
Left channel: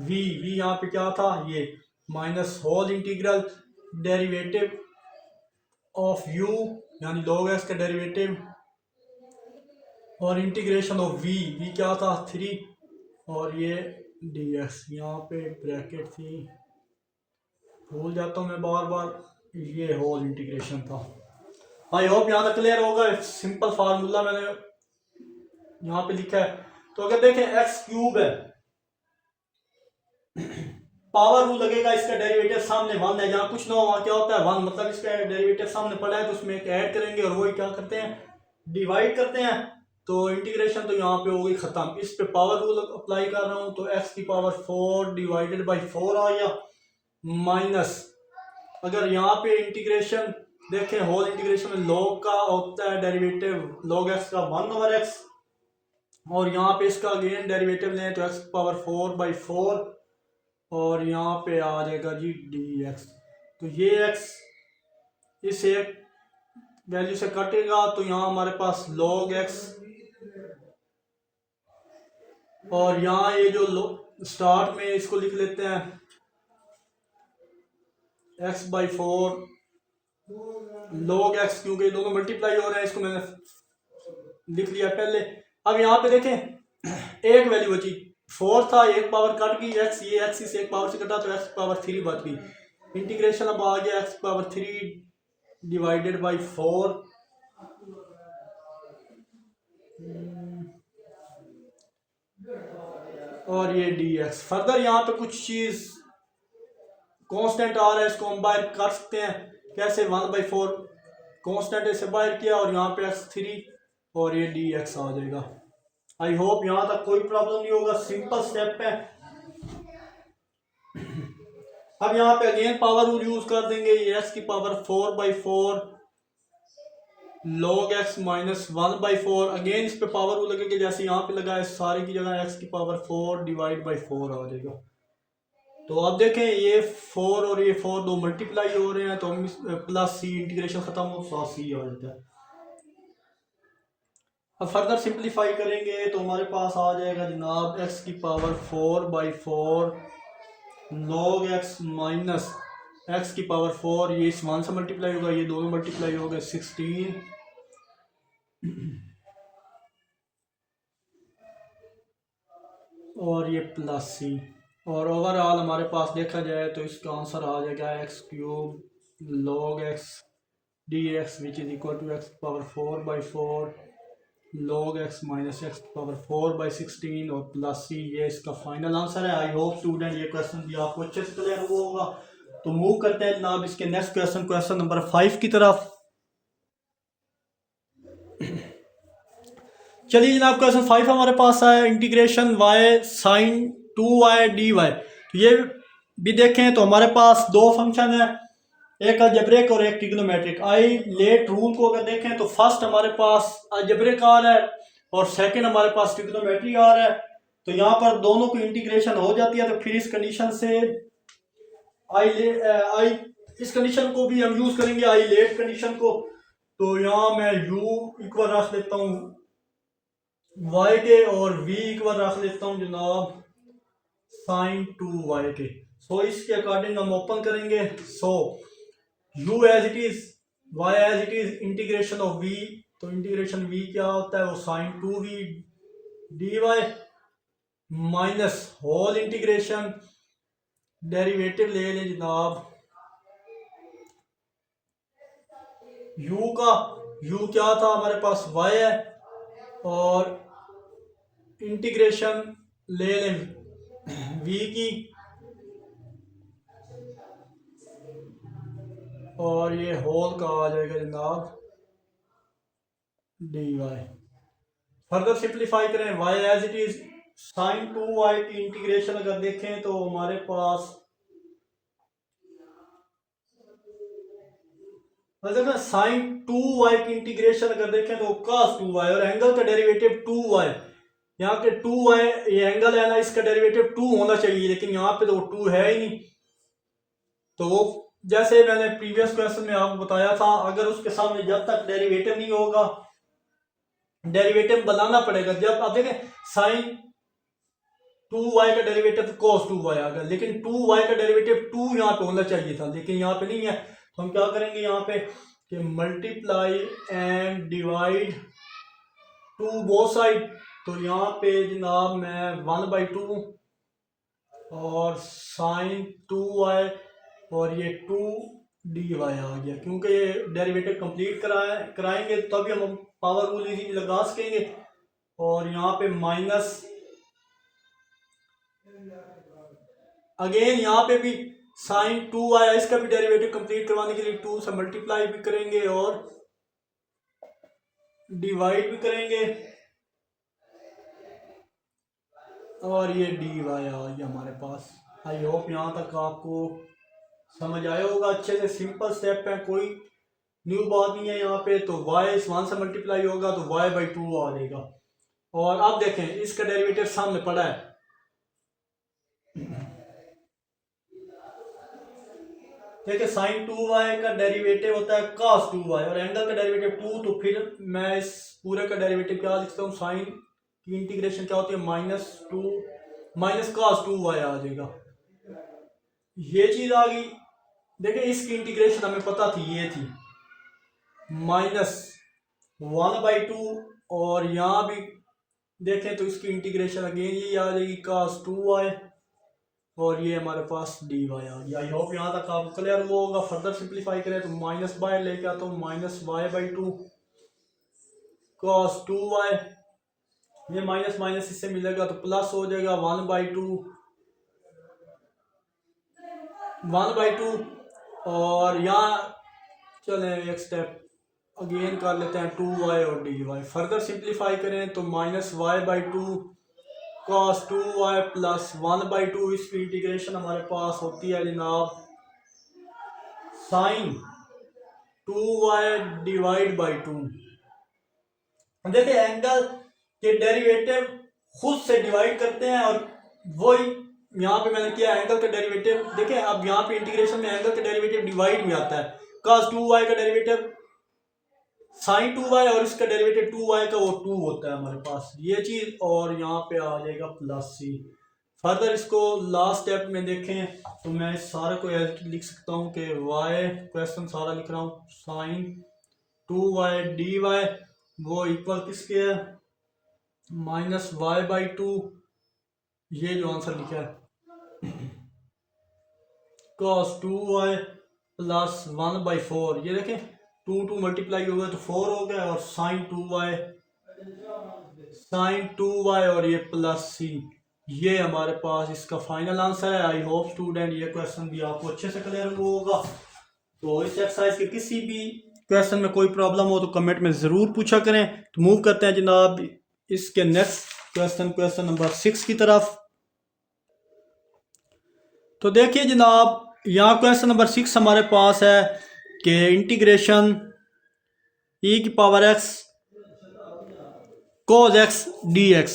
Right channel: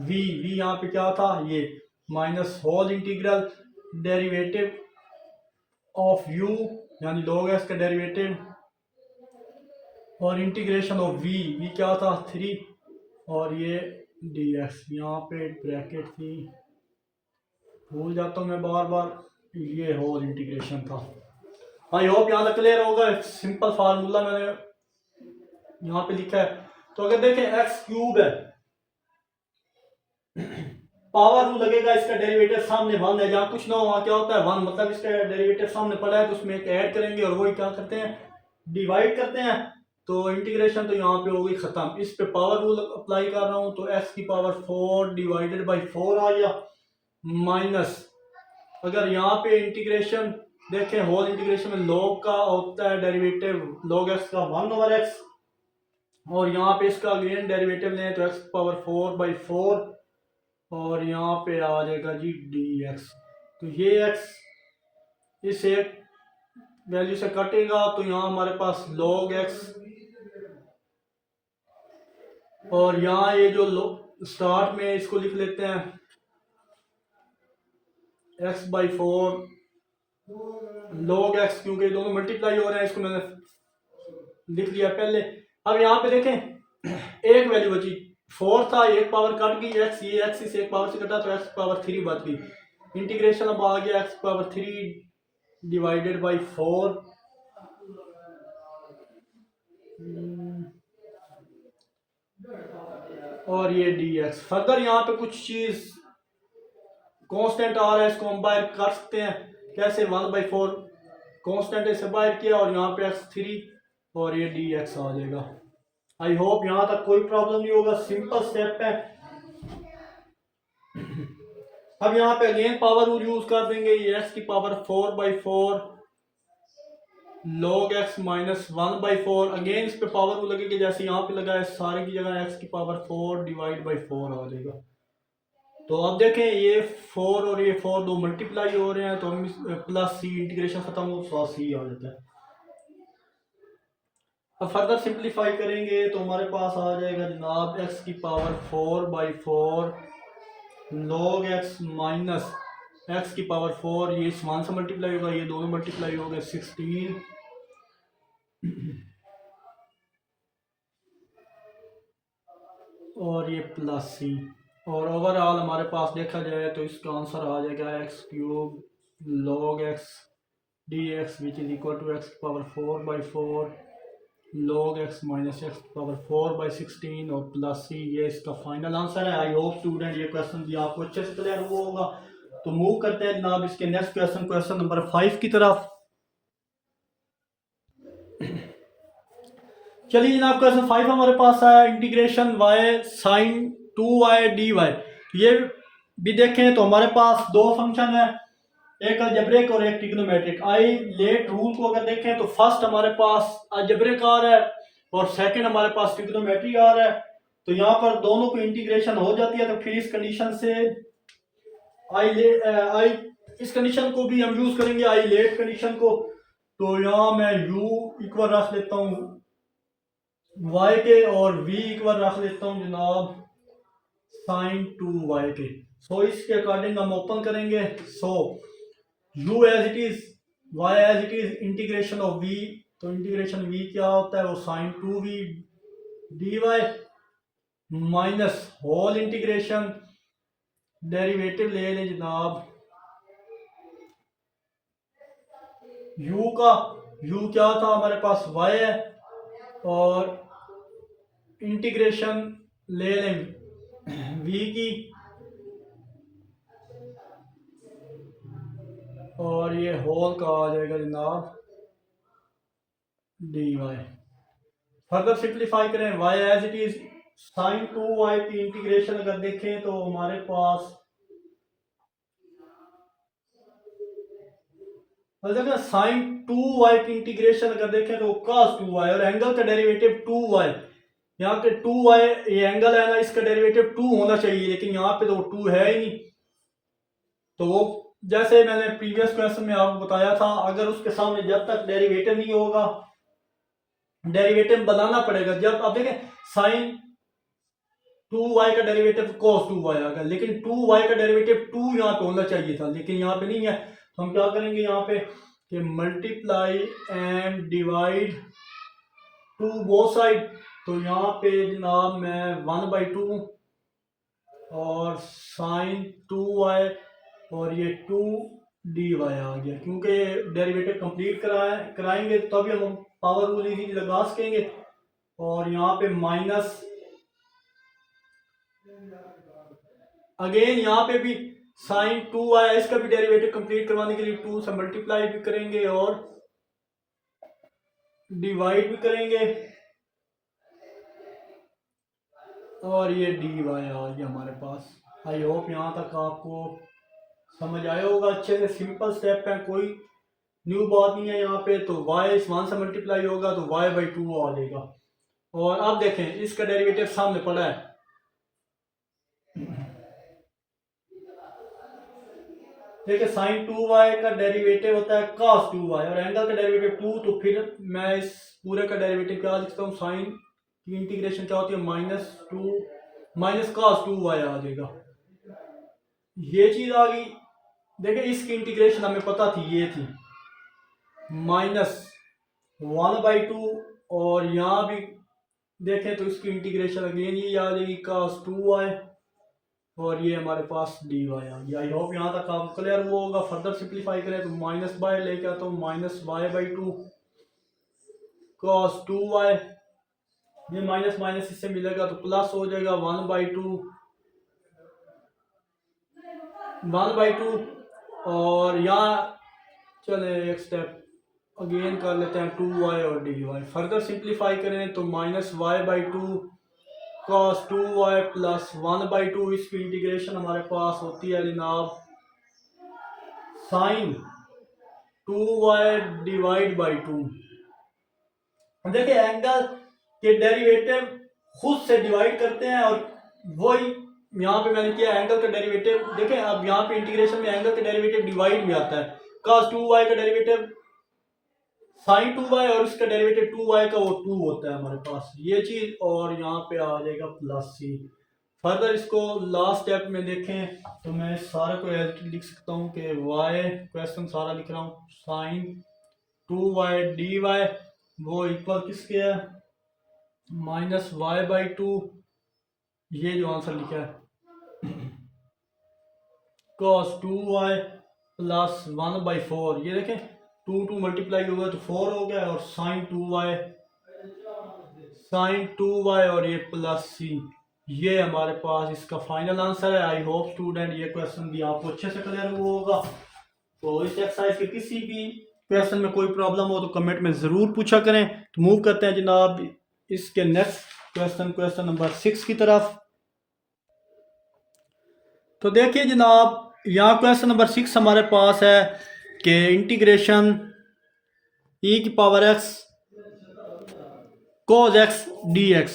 v यहाँ पे क्या था, ये minus whole integral derivative of u यानी log x का डेरिवेटिव और इंटीग्रेशन ऑफ v क्या था 3 और ये dx। यहाँ पे ब्रैकेट थी, भूल जाता हूँ मैं बार बार, ये होल इंटीग्रेशन था। आई होप यहाँ तक क्लियर होगा। सिंपल फार्मूला मैंने यहाँ पे लिखा है। तो अगर देखें एक्स क्यूब है, पावर रूल लगेगा, इसका डेरिवेटिव सामने 1 है, जहाँ कुछ ना हो वहाँ क्या होता है 1, मतलब इसका डेरिवेटिव सामने पड़ा है तो उसमें एक ऐड करेंगे और वही क्या करते हैं डिवाइड करते हैं। तो इंटीग्रेशन तो यहाँ पे हो गई खत्म। इस पे पावर रूल अप्लाई कर रहा हूँ तो x की पावर 4 डिवाइडेड बाई 4 आ गया, माइनस अगर यहाँ पे इंटीग्रेशन देखें होल इंटीग्रेशन में log का होता है डेरिवेटिव log x का 1/x और यहाँ पे इसका अगेन डेरिवेटिव लें तो x की पावर 4/4 और यहाँ पे आ जाएगा जी dx। तो ये x इस एक वैल्यू से कटेगा तो यहाँ हमारे पास log x और यहाँ ये जो स्टार्ट में इसको लिख लेते हैं x/4 log x, क्योंकि दोनों मल्टीप्लाई हो रहे हैं, इसको मैंने लिख लिया पहले। अब यहाँ पे देखें एक वैल्यू बची 4 था, एक पावर कट गई x, ये x से एक पावर से कटा तो x पावर 3 बच गई। इंटीग्रेशन अब आ गया x पावर 3 डिवाइडेड बाई 4 और ये dx। फर्दर यहाँ पे कुछ चीज कांस्टेंट आ रहा है, इसको हम बाहर कर सकते हैं कैसे, 1/4 कांस्टेंट इसे बाहर किया और यहाँ पे x3 और ये dx आ जाएगा। आई होप यहाँ तक कोई प्रॉब्लम नहीं होगा, सिंपल स्टेप है। अब यहाँ पे अगेन पावर रूल यूज कर देंगे, ये x की power 4/4 log x minus 1/4 again इस पे पावर रूल लगेगा जैसे यहाँ पे लगा है, सारे की जगह x की पावर 4 डिवाइड बाई 4 आ जाएगा। तो अब देखें ये 4 और ये 4 दो मल्टीप्लाई हो रहे हैं तो हम प्लस सी इंटीग्रेशन खत्म हो तो सी आ जाता है। अब फर्दर सिंप्लीफाई करेंगे तो हमारे पास आ जाएगा जनाब x की power 4/4 log x minus x की पावर 4, ये इस 1 से मल्टीप्लाई होगा, ये दोनों मल्टीप्लाई हो गए 16 और ये प्लस सी। और ओवरऑल हमारे पास देखा जाए तो इसका आंसर आ जाएगा x cube log x dx which is equal to x power 4/4 log x minus x power 4/16 और प्लस सी, ये इसका फाइनल आंसर है। आई होप स्टूडेंट ये क्वेश्चन भी आपको अच्छे से क्लियर हुआ होगा। तो मूव करते हैं जनाब इसके नेक्स्ट क्वेश्चन, क्वेश्चन नंबर 5 की तरफ। चलिए जनाब क्वेश्चन 5 हमारे पास आया, integration y sin 2y dy। ये भी देखें तो हमारे पास दो फंक्शन है, एक अलजेब्रिक और एक ट्रिग्नोमेट्रिक। आई लेट रूल को अगर देखें तो फर्स्ट हमारे पास अलजेब्रिक आ रहा है और सेकंड हमारे पास ट्रिग्नोमेट्रिक आ रहा है। तो यहाँ पर दोनों को इंटीग्रेशन हो जाती है, तो फिर इस कंडीशन से आई इस कंडीशन को भी हम यूज करेंगे आई लेट कंडीशन को। तो यहाँ मैं u इक्वल रख लेता हूँ y के और v इक्वल रख लेता हूँ जनाब sin 2y के। सो इसके अकॉर्डिंग हम ओपन करेंगे। So u as it is y as it is integration of v, तो इंटीग्रेशन v क्या होता है वो sin 2v dy minus whole integration derivative ले लें जनाब u का, u क्या था हमारे पास y है और इंटीग्रेशन ले लें v की और ये होल का आ जाएगा जनाब dy। फर्दर सिंप्लीफाई करें y as it is sin 2y की इंटीग्रेशन अगर देखें तो हमारे पास अगर साइन 2y की इंटीग्रेशन अगर देखें तो cos 2y, और एंगल का डेरिवेटिव 2y, यहाँ पे 2y ये एंगल है ना, इसका डेरिवेटिव 2 होना चाहिए, लेकिन यहाँ पे तो 2 है ही नहीं। तो वो जैसे मैंने प्रीवियस क्वेश्चन में आपको बताया था, अगर उसके सामने जब तक डेरिवेटिव नहीं होगा, डेरिवेटिव बनाना पड़ेगा। जब आप देखें साइन 2y का डेरिवेटिव cos 2y आ गया, लेकिन 2y का डेरिवेटिव 2 यहाँ पे होना चाहिए था, लेकिन यहाँ पे नहीं है। तो हम क्या करेंगे यहाँ पे कि multiply and divide two both side. तो यहाँ पे जनाब मैं 1/2 और साइन 2y और ये 2dy आ गया, क्योंकि डेरिवेटिव कंप्लीट कराएंगे तभी हम पावर रूल इजीली लगा सकेंगे। और यहाँ पे माइनस अगेन यहाँ पे भी साइन 2y, इसका भी डेरिवेटिव कंप्लीट करवाने के लिए 2 से मल्टीप्लाई भी करेंगे और डिवाइड भी करेंगे, और ये dy आ गया हमारे पास। आई होप यहाँ तक आपको समझ आया होगा अच्छे से। सिंपल स्टेप है, कोई न्यू बात नहीं है यहाँ पे। तो y इस 1 से मल्टीप्लाई होगा तो y/2 आ जाएगा। और अब देखें इसका डेरिवेटिव सामने पड़ा है, देखिए साइन 2y का डेरिवेटिव होता है cos 2y और एंगल का डेरिवेटिव 2। तो फिर मैं इस पूरे का डेरिवेटिव क्या लिखता हूँ, साइन की इंटीग्रेशन क्या होती है, -2 माइनस cos 2y आ जाएगा। ये चीज आ गई। देखिए इसकी इंटीग्रेशन हमें पता थी, ये थी -1/2, और यहाँ भी देखें तो इसकी इंटीग्रेशन अगेन ये आ जाएगी cos 2y, और ये हमारे पास dy आ गया। आई होप यहाँ तक आपको क्लियर हुआ होगा। फर्दर सिंप्लीफाई करें तो माइनस बाय लेके आता हूँ, -y/2 cos 2y, ये माइनस माइनस इससे मिलेगा तो प्लस हो जाएगा 1/2 और यहाँ चले एक स्टेप अगेन कर लेते हैं 2y और dy। फर्दर सिंप्लीफाई करें तो -y/2 cos 2y प्लस 1/2, इसकी इंटीग्रेशन हमारे पास होती है जनाब साइन 2y डिवाइड बाई 2। देखिए एंगल के डेरिवेटिव खुद से डिवाइड करते हैं, और वही यहाँ पे मैंने किया एंगल का डेरिवेटिव। देखें अब यहाँ पे इंटीग्रेशन में एंगल का डेरिवेटिव डिवाइड में आता है। cos 2y का डेरिवेटिव साइन 2y और इसका डेरिवेटिव 2y का वो 2 होता है हमारे पास, ये चीज। और यहाँ पे आ जाएगा प्लस c। फर्दर इसको लास्ट स्टेप में देखें तो मैं इस सारे को लिख सकता हूँ कि y क्वेश्चन सारा लिख रहा हूँ, साइन 2y dy वो इक्वल किसके है, -y/2, ये जो आंसर लिखा है cos 2y प्लस 1/4। ये देखें 2 मल्टीप्लाई हो गया तो 4 हो गया, और साइन 2y और ये प्लस c, ये हमारे पास इसका फाइनल आंसर है। आई होप स्टूडेंट ये क्वेश्चन भी आपको अच्छे से क्लियर हुआ होगा। तो इस एक्सरसाइज के किसी भी क्वेश्चन में कोई प्रॉब्लम हो तो कमेंट में ज़रूर पूछा करें। तो मूव करते हैं जनाब इसके नेक्स्ट क्वेश्चन नंबर 6 की तरफ। तो देखिए जनाब यहाँ क्वेश्चन नंबर 6 हमारे पास है कि integration e⁻x cos x dx।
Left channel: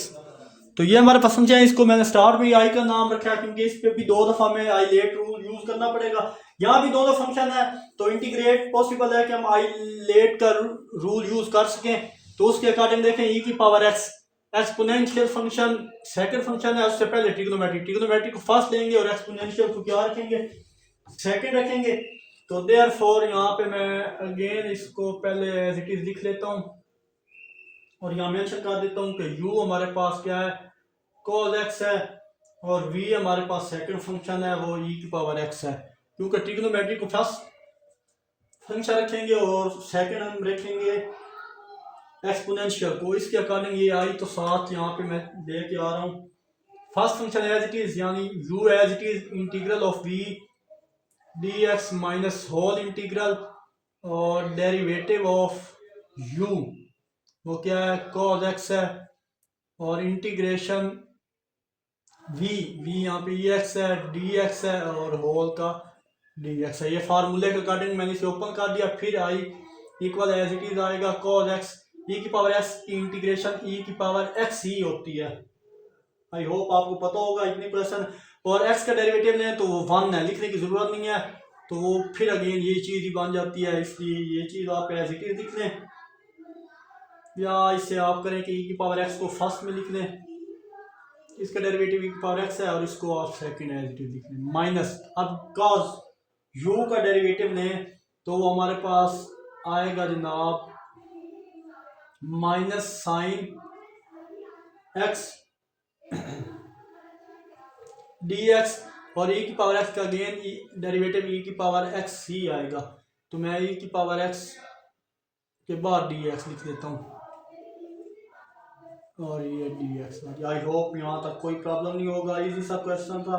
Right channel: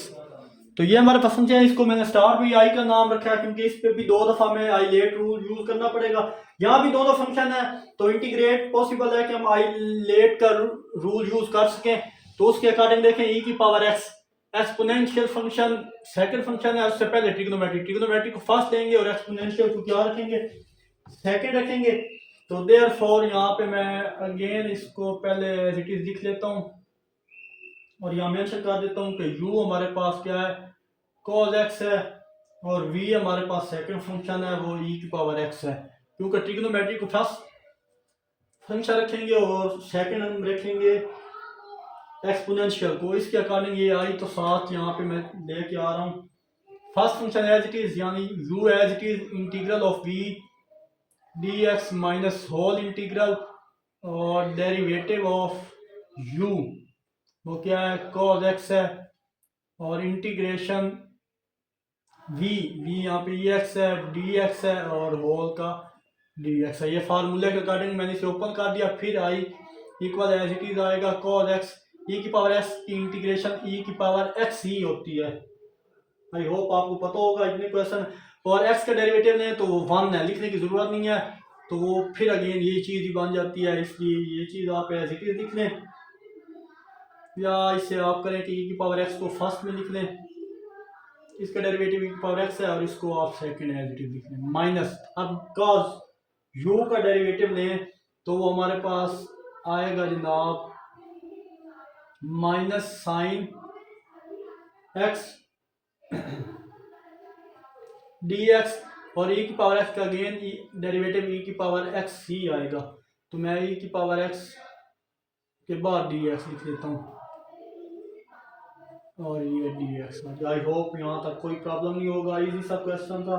तो ये हमारे पास फंक्शन है, इसको मैंने स्टार्ट में आई का नाम रखा है क्योंकि इस पे भी 2 दफा में आई लेट रूल यूज करना पड़ेगा। यहाँ भी दोनों फंक्शन है तो इंटीग्रेट पॉसिबल है कि हम आई लेट का रूल यूज कर सकें। तो उसके अकॉर्डिंग देखें e⁻x exponential function second function है, उससे पहले ट्रिग्नोमेट्री को फर्स्ट लेंगे और एक्सपोनेंशियल को क्या रखेंगे, सेकंड रखेंगे। तो देयरफॉर यहाँ पे मैं अगेन इसको पहले एज इट इज लिख लेता हूँ और यहाँ मेंशन कर देता हूँ कि u हमारे पास क्या है, cos x है, और v हमारे पास सेकंड फंक्शन है वो e⁻x है। क्योंकि ट्रिग्नोमेट्री को फर्स्ट फंक्शन रखेंगे और सेकंड हम रखेंगे एक्सपोनेंशियल को, इसके अकॉर्डिंग ये आई तो साथ यहाँ पे मैं लेके आ रहा हूँ। First function as it is यानी u as it is integral of v dx minus whole integral, और डेरिवेटिव ऑफ u वो क्या है, cos x है, और इंटीग्रेशन v यहाँ पे ex है, dx है, और होल का डी एक्स है। ये फार्मूले के अकॉर्डिंग मैंने इसे ओपन कर दिया। फिर I equal as it is आएगा कॉस एक्स ई की पावर एक्स की इंटीग्रेशन ई की पावर एक्स ही होती है। आई होप आपको पता होगा इतने क्वेश्चन। और एक्स का डेरिवेटिव लें तो वो 1 है, लिखने की जरूरत नहीं है। तो वो फिर अगेन ये चीज़ ही बन जाती है, इसलिए ये चीज़ आप एज इट इज लिख लें, या इससे आप करें कि ई की पावर एक्स को फर्स्ट में लिख लें, इसका डेरिवेटिव ई की पावर एक्स है, और इसको आप सेकंड एज इट इज लिख लें माइनस। अब cos u का डेरिवेटिव लें तो वो हमारे पास आएगा जनाब minus sine x D x, और ई की पावर एक्स का अगेन डेरिवेटिव ई की पावर एक्स ही आएगा। तो मैं ई की पावर एक्स के बाद डी एक्स लिख देता हूँ, और ये डी एक्स। आई होप यहाँ तक कोई प्रॉब्लम नहीं होगा, इजी सा क्वेश्चन था।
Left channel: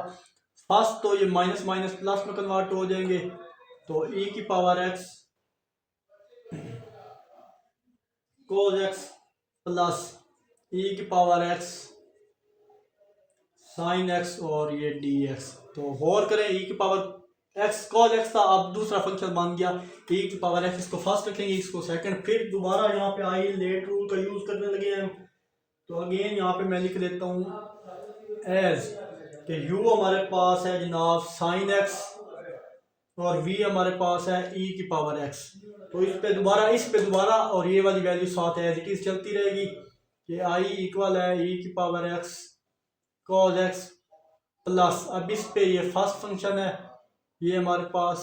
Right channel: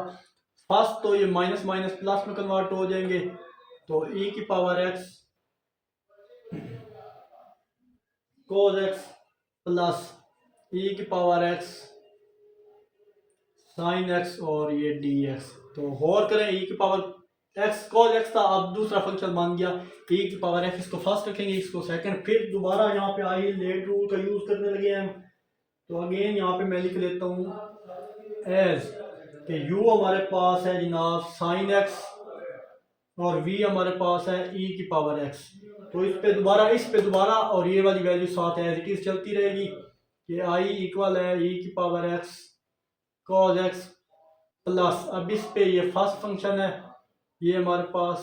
फर्स्ट तो ये माइनस माइनस प्लस में कन्वर्ट हो जाएंगे, तो ई की power X cos X plus E की पावर एक्स साइन एक्स, और ये डी एक्स। तो गौर करें ई की पावर एक्स कोस एक्स था, अब दूसरा फंक्शन मान गया ई की पावर एक्स, इसको फर्स्ट रखेंगे, इसको सेकंड। फिर दोबारा यहाँ पे आई लेट रूल का यूज करने लगे हैं, तो अगेन यहाँ पे मैं लिख लेता हूँ एज कि u हमारे पास है जनाब साइन एक्स, और v हमारे पास है e की पावर x। तो इस पे दोबारा और ये वाली वैल्यू साथ एज इट इज चलती रहेगी कि i इक्वल है e की power x cos x plus, अब इस पे ये फर्स्ट फंक्शन है, ये हमारे पास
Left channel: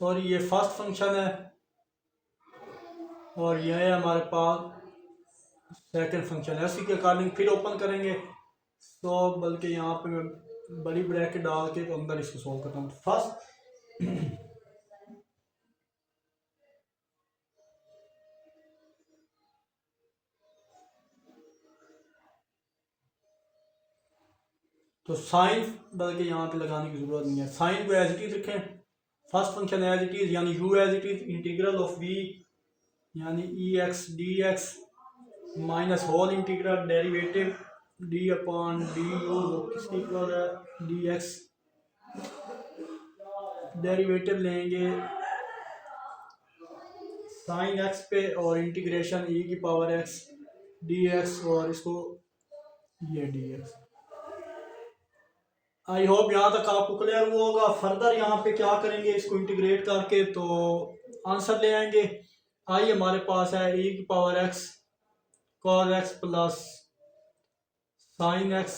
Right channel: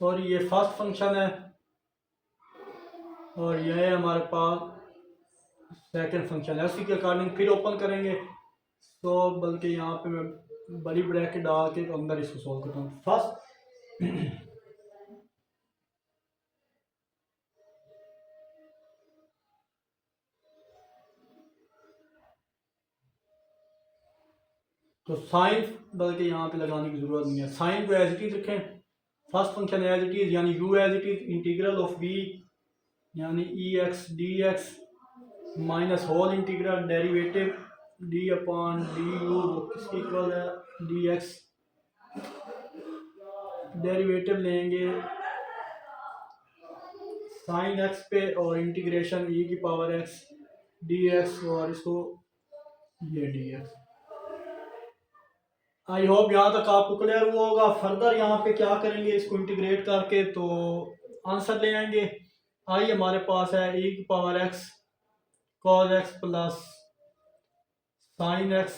सॉरी ये फर्स्ट फंक्शन है, और यह है हमारे पास सेकंड फंक्शन है। उसी के अकॉर्डिंग फिर ओपन करेंगे, तो बल्कि यहाँ पे मैं बड़ी ब्रैकेट डाल के अंदर इसको सॉल्व करता हूँ। फर्स्ट तो साइन, बल्कि यहाँ पे लगाने की जरूरत नहीं है, साइन को एज इट इज रखें, first function as it is यानी u as it is integral of v यानी E X D X minus whole integral derivative D upon D U किसकी इक्वल है डी एक्स। डेरिवेटिव लेंगे sine X पे और integration ई की power x D x, और इसको ये डी एक्स। आई होप यहाँ तक आपको क्लियर हुआ होगा। फर्दर यहाँ पे क्या करेंगे, इसको इंटीग्रेट करके तो आंसर ले आएंगे। आई हमारे पास है ई की power x cos x plus sine x.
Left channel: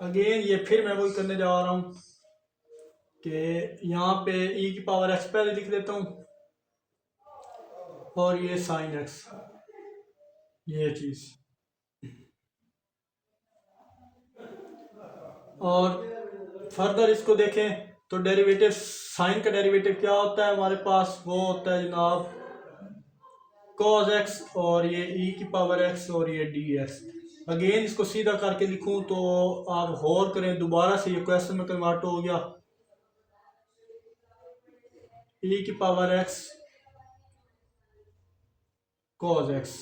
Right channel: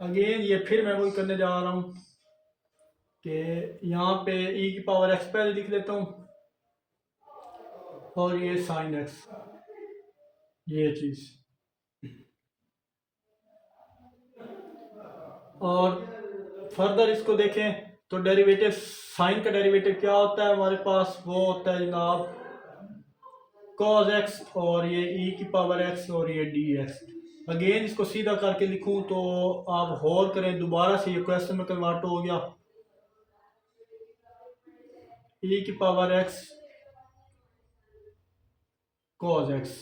Again ये फिर मैं वही करने जा रहा हूँ कि यहाँ पे ई की पावर एक्स पहले लिख देता हूँ, और ये साइन एक्स, ये चीज़। और फर्दर इसको देखें तो डेरिवेटिव साइन का डेरिवेटिव क्या होता है हमारे पास, वो होता है जनाब cos x, और ये e की पावर x, और ये dx। अगेन इसको सीधा करके लिखूं तो आप होल करें, दोबारा से ये क्वेश्चन में कन्वर्ट हो गया e की पावर x cos x।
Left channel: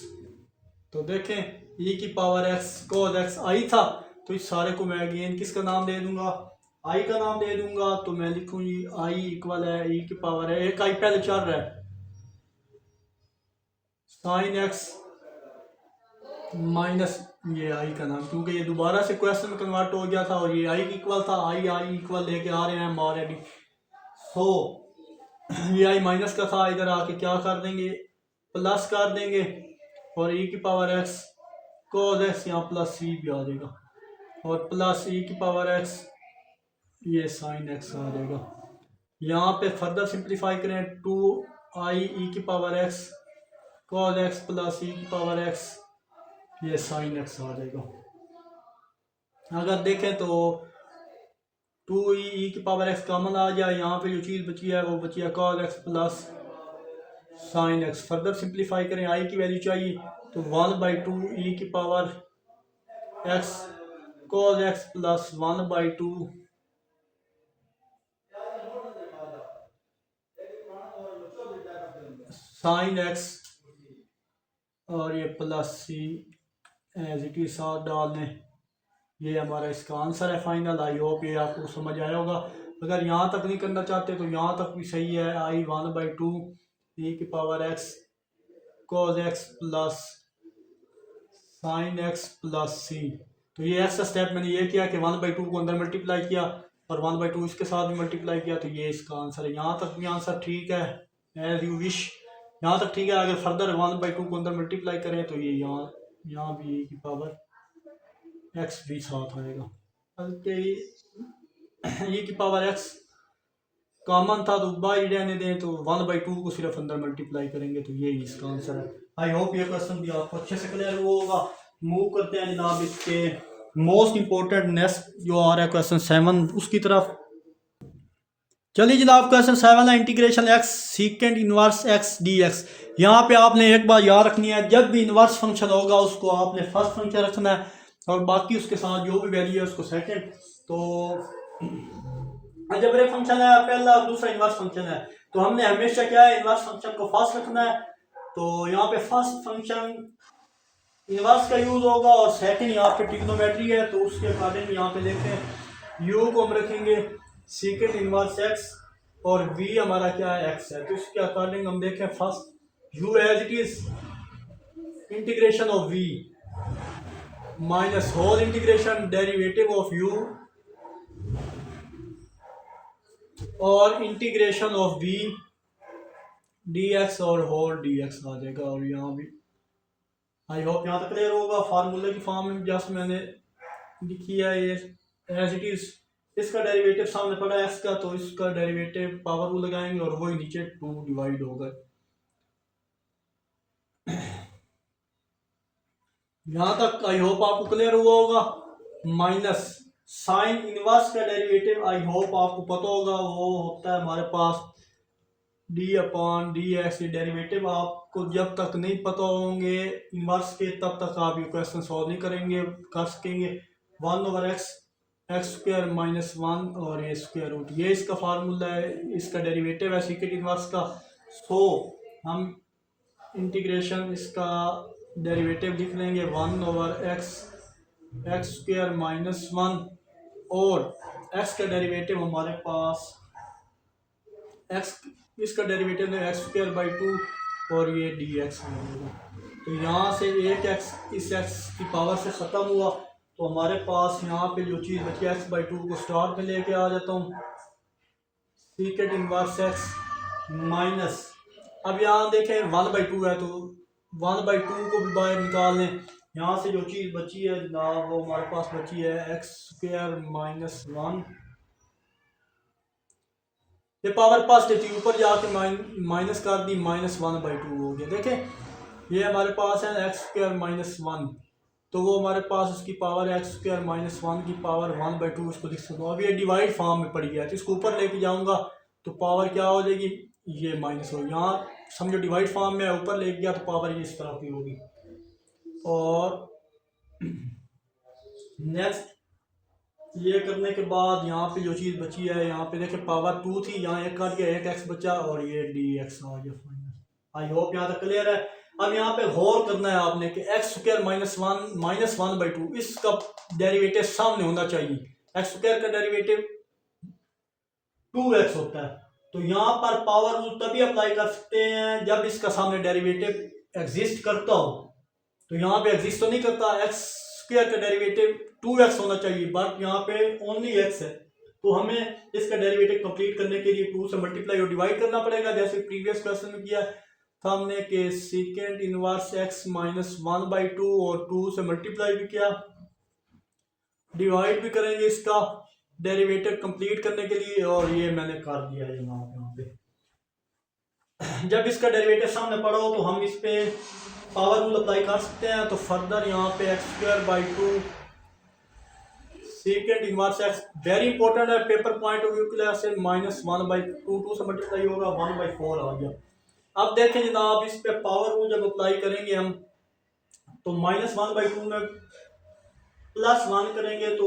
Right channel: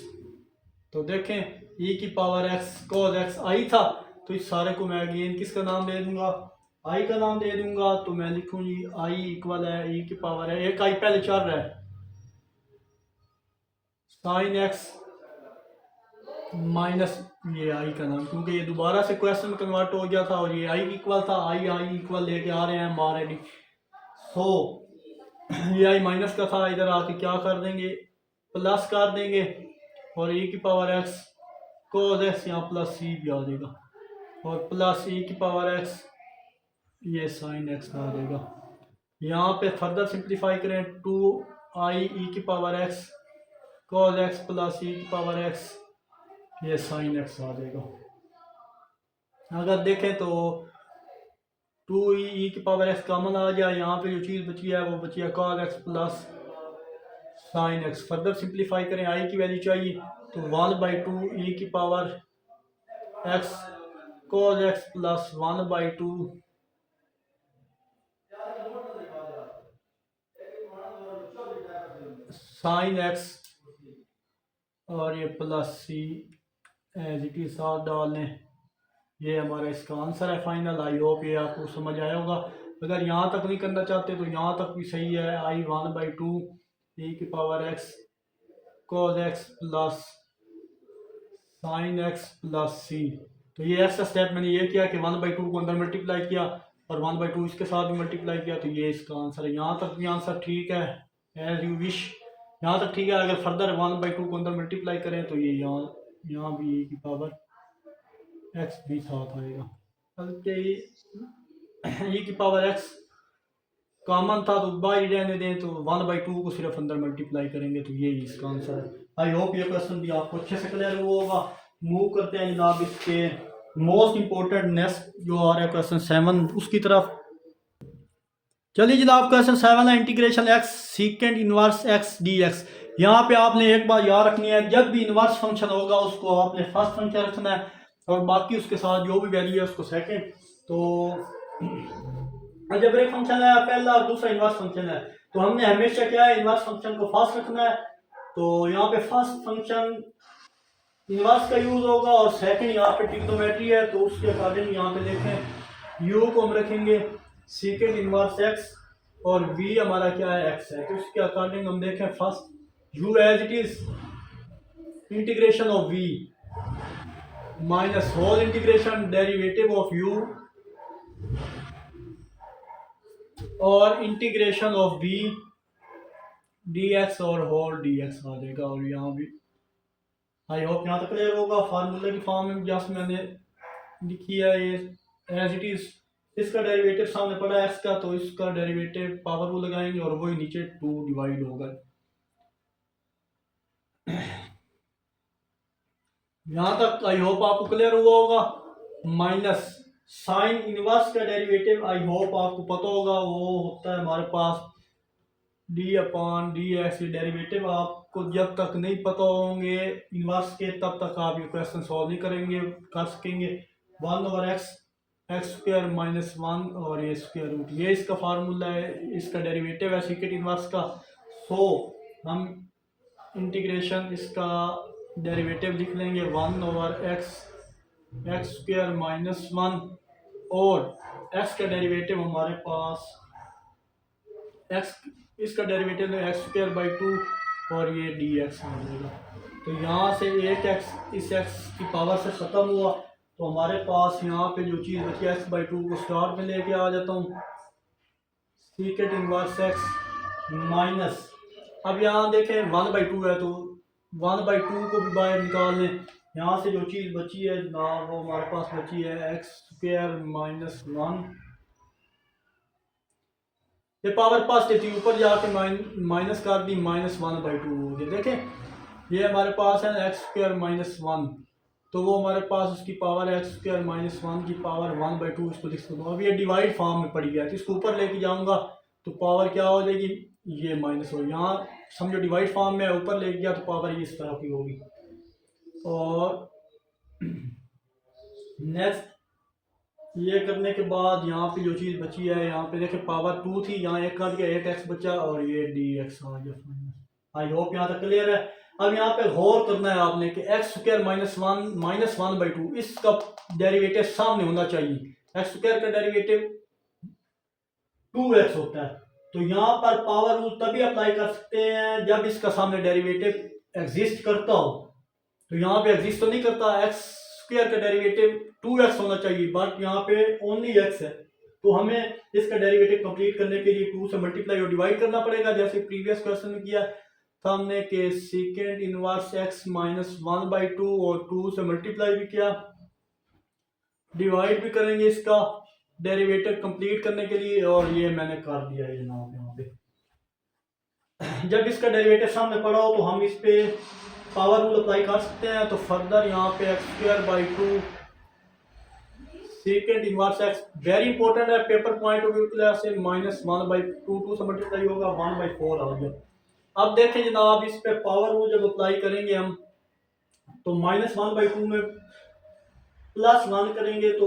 तो देखें e की पावर x cos x आई था, तो इस सारे को मैं अगेन किसका नाम दे दूंगा, i का नाम दे दूंगा। तो मैं लिखूं जी i इक्वल है e की पावर है, एक i पहले चल रहा है साइन एक्स माइनस ये आई का नाम, क्योंकि ये दोबारा से क्वेश्चन में कन्वर्ट हो गया था, और ये आई इक्वल था, आई इक्वल लेके आ रहे हैं हम ऑलरेडी। सो ये आई माइनस का था, इधर आके क्या कर देंगे प्लस कर देंगे, और e की पावर x cos x यहाँ प्लस c भी आ जाएगा, और प्लस e की पावर x ये साइन x आ जाएगा। यहाँ पे फर्दर सिंप्लीफाई करें 2i e की power x cos x plus e की पावर x ये साइन x आ जाएगा। अगर देखें तो 2e की पावर x कॉमन आ गया, यहाँ पे जो चीज़ बची है वो बची है cos x plus sine x। Further simplify करें, i की वैल्यू चाहिए तो 1/2 e की power x cos x plus 1/2 sine x, और ये plus c as it is साथ डाल लें। ये हमारा इसका आंसर है फाइनल। आई होप ये आपको समझ आया होगा। अगर यहाँ तक नहीं करना चाहते तो यहाँ तक भी सही है। I1/2 e की power x cos x plus sine x plus c। तो ये एक्स्ट्रा स्टेप मैंने ये किया कि 1/2 को अंदर मल्टीप्लाई किया और 1/2 इसके साथ भी मल्टीप्लाई किया, तो ये इसका आंसर है। यहाँ तक भी आंसर ठीक है, एज यू विश। यहाँ तक ठीक है। अगर फर्दर 1/2 को अंदर मल्टीप्लाई करें तो ये यहाँ भी e की पावर x भी साथ आएगा। बल्कि e की पावर x कॉमन था तो बाई रहने दें, तो 1/2 को सिर्फ अंदर मल्टीप्लाई करेंगे, तो ये इसका आंसर है। आई होप ये क्वेश्चन भी आपको अच्छे से क्लियर हुआ होगा। मूव करते हैं जनाब इसके मोस्ट इंपॉर्टेंट नेक्स्ट जो आ रहा है क्वेश्चन 7 उसकी तरफ। चलिए जनाब क्वेश्चन 7 है integration x सीकेंड inverse x dx। यहाँ पे आपने एक बात याद रखनी है, जब भी इनवर्स फंक्शन होगा उसको आपने फर्स्ट फंक्शन रखना है और बाकी उसके साथ जो भी वैल्यू है उसको सेकंड। तो अलजेब्रिक फंक्शन है पहला और दूसरा इनवर्स फंक्शन है, तो हमने हमेशा क्या है इनवर्स फंक्शन को फर्स्ट रखना है। तो यहाँ पे फर्स्ट फंक्शन इनवर्स का यूज होगा और सेकंड यहाँ पे ट्रिग्नोमेट्री है, तो उसके अकॉर्डिंग यहाँ पे देखें u को हम रखेंगे सेकंड इनवर्स x और v हमारा क्या है x है, तो इसके अकॉर्डिंग हम देखें first u as it is integration of v minus whole integration derivative of u और इंटीग्रेशन ऑफ v dx और होल dx आ जाएगा। और यहाँ भी आई होप यहाँ तक क्लियर होगा। फार्मूले की फॉर्म में जस्ट मैंने लिखी है ये एज इट इज। इसका डेरिवेटिव सामने पड़ा है x का, तो इसका डेरिवेटिव पावर वो लगाएंगे और वही नीचे 2 डिवाइड होगा। यहाँ तक आई होप आपको क्लियर हुआ होगा। माइनस साइन इनवर्स का डेरिवेटिव आई होप आपको पता होगा, वो होता है हमारे पास d/dx। ये डेरिवेटिव आपको जब तक नहीं पता होंगे इनवर्स के तब तक आप ये क्वेश्चन सॉल्व नहीं कर सकेंगे। 1/x x² - 1 और ये स्क्वायर रूट, ये इसका फार्मूला है, इसका डेरिवेटिव है सेकंड इनवर्स का। सो हम इंटीग्रेशन इसका डेरिवेटिव लिख लेंगे 1/x x² - 1 और x का डेरिवेटिव हमारे पास x इसका डेरिवेटिव है x²/2 और ये dx बनेगा। तो यहाँ से एक x इस x की पावर से ख़त्म हुआ, तो हमारे पास यहाँ पे जो चीज़ बची x/2 को स्टार में लेके आ जाता हूँ सीकेंड इनवर्स x माइनस। अब यहाँ देखें 1/2 है, तो 1/2 को भी बाहर निकाल लें। यहाँ से जो चीज़ बची है ना वो हमारे पास बची है x² - 1। ये पावर पॉजिटिव थी, ऊपर जाके माइनस कर दी, -1/2 हो गया। देखें ये हमारे पास है x² - 1, तो वो हमारे पास उसकी पावर है x² - 1 की पावर 1/2 इसको लिख सकता हूँ। अब ये डिवाइड फॉर्म में पड़ी है, तो इसको ऊपर लेके जाऊंगा तो पावर क्या हो जाएगी, ये माइनस हो। यहाँ समझो डिवाइड फॉर्म में ऊपर ले गया तो पावर ये इस तरह की होगी। और नेक्स्ट ये करने के बाद यहाँ पे जो चीज़ बची है, यहाँ पे देखें पावर 2 थी, यहाँ एक कट गया, एक x बचा और ये dx आ गया फाइनल। आई होप यहाँ तक क्लियर है। अब यहाँ पे गौर करना है आपने कि x² - 1 -1/2 इसका डेरिवेटिव सामने होना चाहिए। x² का डेरिवेटिव 2x होता है, तो यहाँ पर पावर रूल तभी अप्लाई कर सकते हैं जब इसका सामने डेरिवेटिव एग्जिस्ट करता हो। तो यहाँ पे एग्जिस्ट तो नहीं करता, x² का डेरिवेटिव 2x होना चाहिए, बट यहाँ पे ओनली x है, तो हमें इसका डेरिवेटिव कंप्लीट करने के लिए 2 से मल्टीप्लाई और डिवाइड करना पड़ेगा, जैसे प्रीवियस क्वेश्चन में किया था हमने कि सेकेंड इनवर्स x - 1/2 और 2 से मल्टीप्लाई भी किया, डिवाइड भी करेंगे इसका डेरिवेटिव कंप्लीट करने के लिए, और ये मैंने कर दिया है यहाँ पे। जब इसका डेरिवेटिव सामने पड़ा हो तो हम इस पे पावर रूल अप्लाई कर सकते हैं। तो फर्दर यहाँ पे x²/2 second inverse x very important है पेपर पॉइंट ऑफ व्यू के लिए से -1/2 2 से मल्टीप्लाई होगा 1/4 आ गया। अब देखें जनाब इस पे पावर रूल जब अप्लाई करेंगे हम, तो -1/2 में +1 करेंगे, तो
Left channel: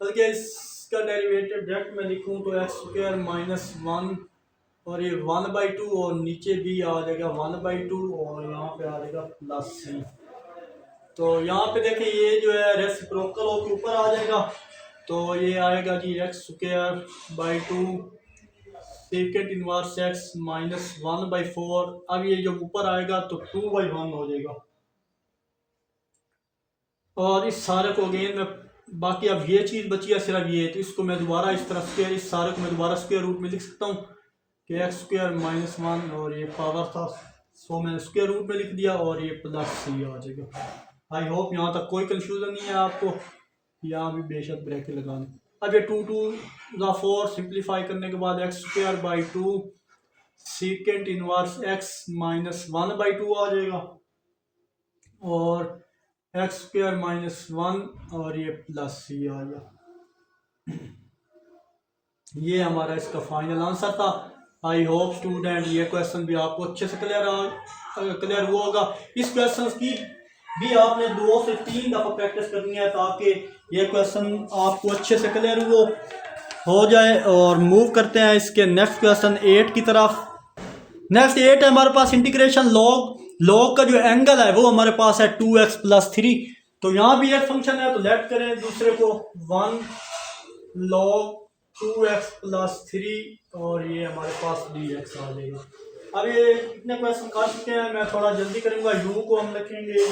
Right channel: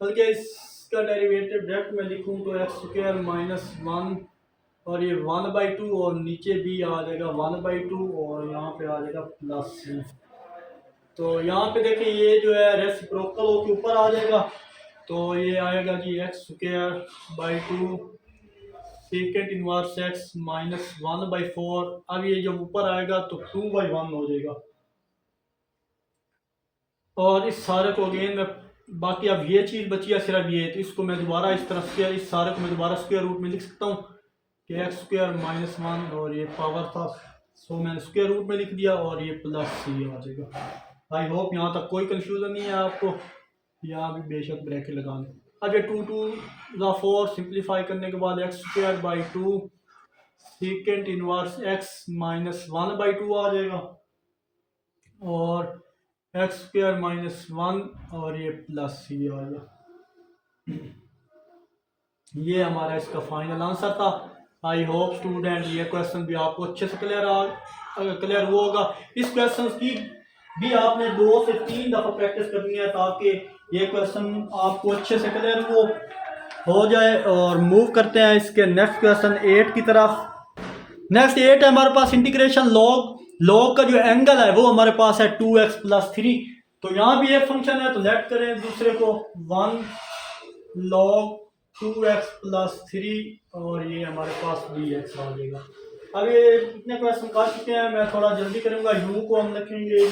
बल्कि इसका डेरिवेटिव डायरेक्ट में लिखूं तो x² - 1 और ये 1/2 और नीचे भी आ जाएगा 1/2 और यहाँ पे आ जाएगा प्लस सी। तो यहाँ पे देखें ये जो है रेसिप्रोकल होके ऊपर आ जाएगा, तो ये आएगा जी x²/2 सेकेंड इनवर्स x -1/4। अब ये जब ऊपर आएगा तो 2/1 हो जाएगा। और इस सारे को अगेन में बाकी अब ये चीज़ बची है सिर्फ ये, तो इसको मैं दोबारा इस तरह स्क्वायर, इस सारे को मैं दोबारा स्क्वायर रूट में लिख सकता हूँ कि x² -1 और ये पावर था, सो मैंने स्क्वायर रूट में लिख दिया और ये प्लस सी आ जाएगा। आई होप यहाँ तक कोई कंफ्यूजन नहीं है आपको, यहाँ भी बेशक ब्रैकेट लगा लें। अब ये 2×4 सिंप्लीफाई करने के बाद x²/2 सेकेंड इनवर्स x -1/2 आ जाएगा और x² -1 और ये प्लस सी आ गया। ये हमारा इसका फाइनल आंसर था। आई होप स्टूडेंट ये क्वेश्चन भी आपको अच्छे से क्लियर हुआ होगा। इस क्वेश्चन की भी आपने 2 से 3 दफ़ा प्रैक्टिस करनी है ताकि ये क्वेश्चन आपको अच्छे से क्लियर हो जाए। और मूव करते हैं इसके नेक्स्ट क्वेश्चन 8 की तरफ। नेक्स्ट 8 है हमारे पास इंटीग्रेशन लॉग का जो एंगल है वो हमारे पास है 2x + 3। तो यहाँ भी एक फंक्शन है तो लेट करें दूसरे को 1 log 2x + 3 और ये हमारे पास dx आ जाएगा। अब ये इतने क्वेश्चन कर चुके हैं, मैं थोड़ा जल्दी करूंगा। u को हम लिखेंगे,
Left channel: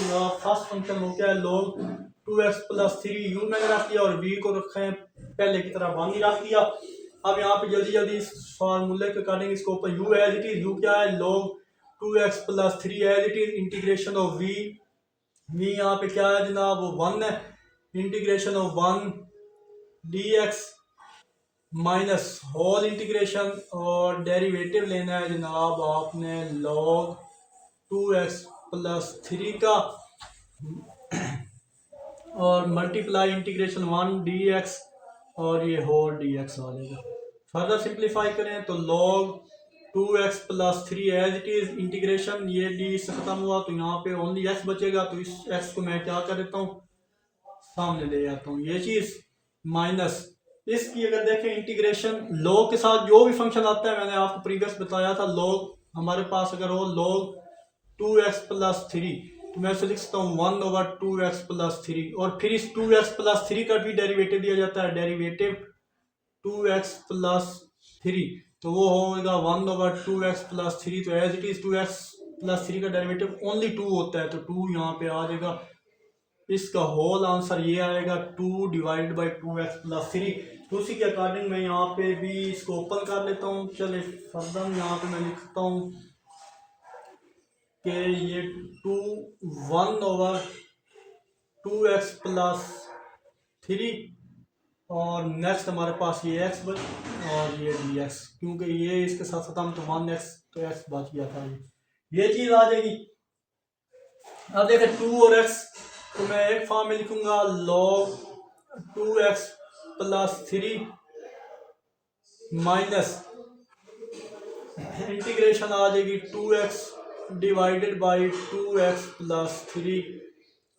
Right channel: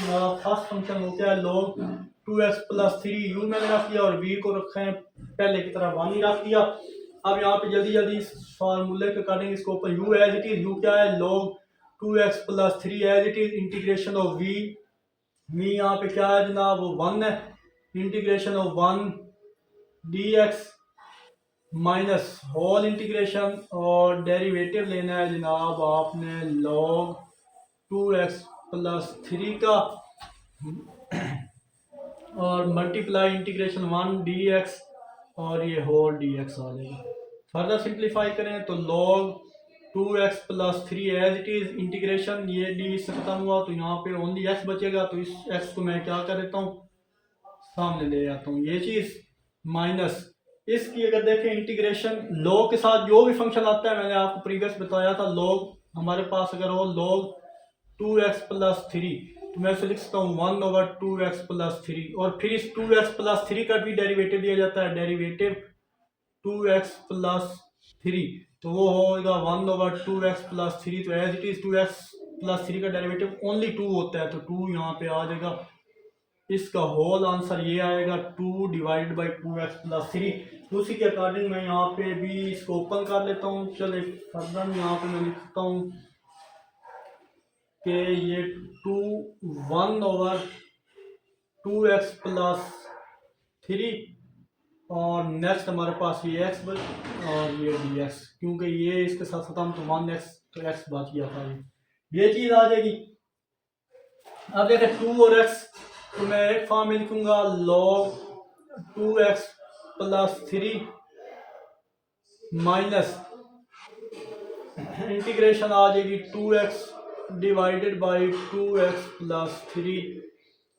फर्स्ट फंक्शन हो गया log 2x + 3 u मैंने रख दिया और v को रखा है पहले की तरह 1 ही रख दिया। अब यहाँ पे जल्दी जल्दी इस फार्मूले के अकॉर्डिंग इसको ऊपर u as it is, u क्या है log 2x + 3 as it is integration of v यहाँ पे क्या है जनाब वो 1 है, integration of 1 dx minus whole integration और डेरिवेटिव लेना है जनाब आपने log 2x + 3 का और मल्टीप्लाई इंटीग्रेशन 1 dx और ये होल dx आ जाएगा। फर्दर सिंप्लीफाई करें तो log 2x + 3 as it is integration, ये d से खत्म हुआ तो यहाँ पे ओनली x बचेगा, तो इस x को मैं क्या कर देता हूँ सामने ले आता हूँ, ये चीज माइनस इसकी अगर देखें इंटीग्रेशन log के साथ जो भी फंक्शन आता है मैंने आपको प्रीवियस बताया था, log हमारे पास अगर हो log 2x + 3 तो मैं इसे लिख सकता हूँ 1/2x + 3 और फिर इस 2x + 3 का भी डेरिवेटिव दिया जाता है, डेरिवेटिव 2x + 3 तो वो होगा 1/2x + 3। तो एज इट इज 2x + 3 का डेरिवेटिव ओनली 2 होता है तो 2 यहाँ पे आ जाएगा। इसका होल आंसर ये आएगा 2/2x + 3। तो उसी के अकॉर्डिंग मैं यहाँ पे भी इसको ओपन कर लेता हूँ। चले फर्दर यहाँ पे मैं लिखता हूँ कि ये 1/2x + 3 और नेक्स्ट हमारे पास ये x और ये dx, क्योंकि ये इसके साथ खत्म तो 1x तो x बच गया था, ये चीज़ आ जाएगी। अब देखें 2 और x तो मैं एक फॉर्म में लिखूंगा log 2x + 3 माइनस इंटीग्रेशन आ जाएगी 2x / 2x + 3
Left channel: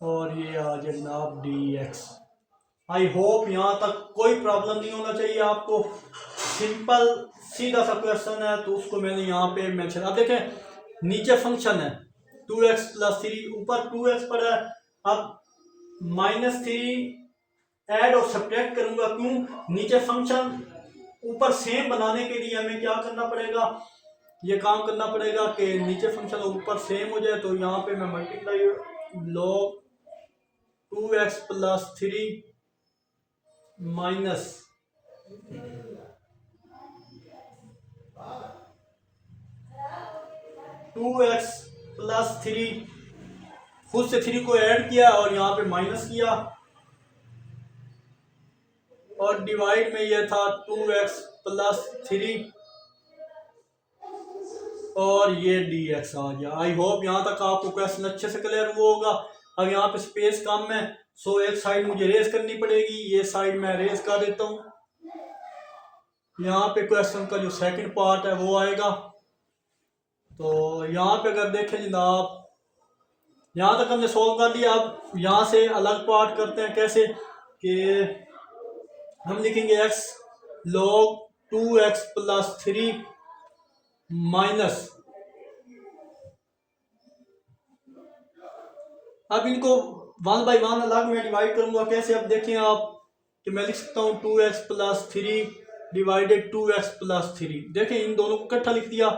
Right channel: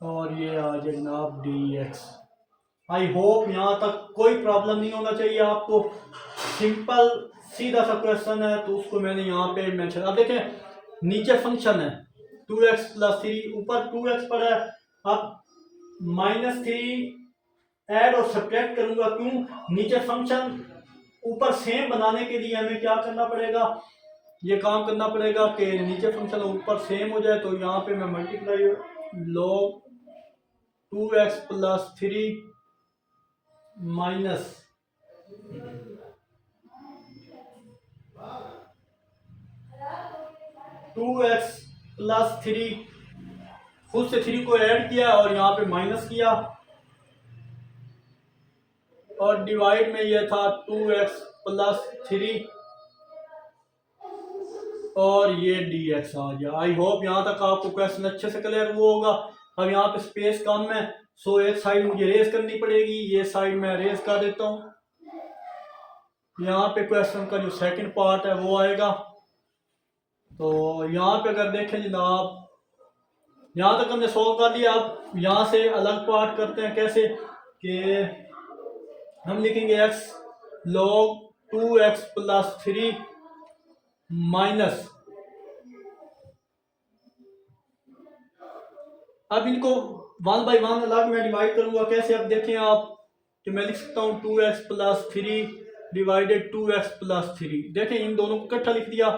और ये आ जाए जनाब dx। आई होप यहाँ तक कोई प्रॉब्लम नहीं होना चाहिए आपको, सिंपल सीधा सा क्वेश्चन है तो उसको मैंने यहाँ पे मेंशन। अब देखें नीचे फंक्शन है 2x + 3 ऊपर 2x पड़ा है, अब -3 ऐड और सब्ट्रैक्ट करूंगा, क्यों नीचे फंक्शन ऊपर सेम बनाने के लिए हमें क्या करना पड़ेगा, ये काम करना पड़ेगा कि नीचे फंक्शन ऊपर सेम हो जाए। तो यहाँ पे मैं multiply log 2x + 3 minus 2x + 3 खुद से 3 को ऐड किया और यहाँ पे माइनस किया और डिवाइड में ये था 2x + 3 और ये dx आ गया। आई होप यहाँ तक आपको क्वेश्चन अच्छे से क्लियर हुआ होगा। अब यहाँ पे स्पेस कम है सो एक साइड मुझे रेज करनी पड़ेगी, ये साइड मैं रेज कर देता हूँ। यहाँ पे क्वेश्चन का जो सेकंड पार्ट है वो आएगा। तो यहाँ पे अगर देखें जनाब यहाँ तक हमने सॉल्व कर लिया। अब यहाँ से अलग पार्ट करते हैं, कैसे कि हम लिखेंगे x log 2x + 3 माइनस, अब इनको 1/1 अलग में डिवाइड करूंगा। कैसे? अब देखें आप कि मैं लिख सकता हूँ 2x plus 3 divided 2x plus 3। देखें इन दोनों को इकट्ठा लिख दिया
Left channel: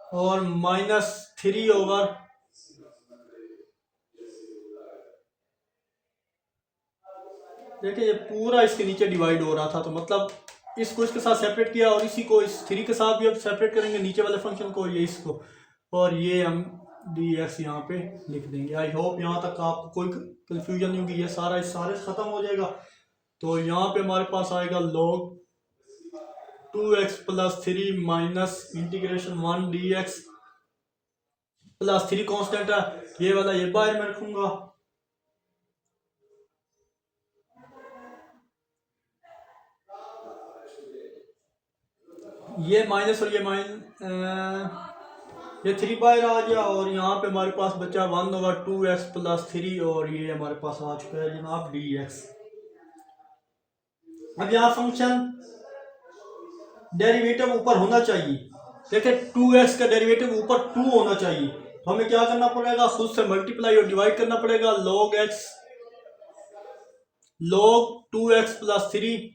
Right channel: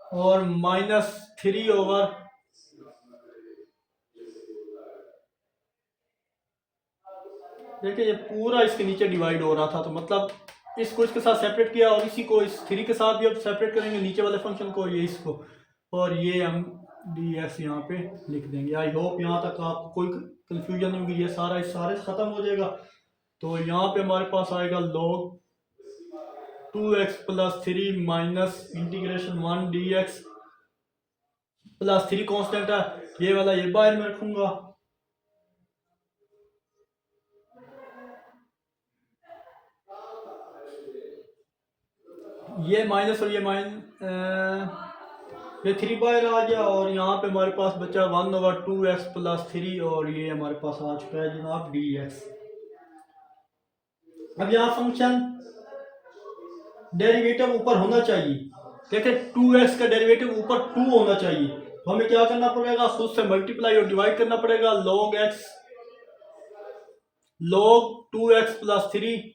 और -3 ओवर देखिए ये पूरा इसके नीचे डिवाइड हो रहा था, तो मतलब इसको इसके साथ सेपरेट किया और इसी को इस 3 के साथ भी अब सेपरेट करेंगे, नीचे वाले फंक्शन को, ये इसको, और ये हम dx यहाँ पे लिख देंगे। आई होप यहाँ तक आपको कोई कंफ्यूजन नहीं होगी, ये सारा इस सारे से ख़त्म हो जाएगा। तो यहाँ पे हमारे पास आएगा log 2x plus 3 minus integration 1 dx plus 3 constant है, ये वाला ये बाहर में रखूंगा। ये माइनस और ये 3 बाहर आ गया और यहाँ पे हमारे पास बचा 1/2x प्लस 3 और ये हमारे पास आ चुका है जनाब dx। अब यहाँ फंक्शन डेरिवेटिव ऊपर होना चाहिए। देखिए 2x का डेरिवेटिव ऊपर 2 होना चाहिए, तो हमें क्या करना पड़ेगा? खुद से मल्टीप्लाई और डिवाइड करना पड़ेगा। log 2x प्लस 3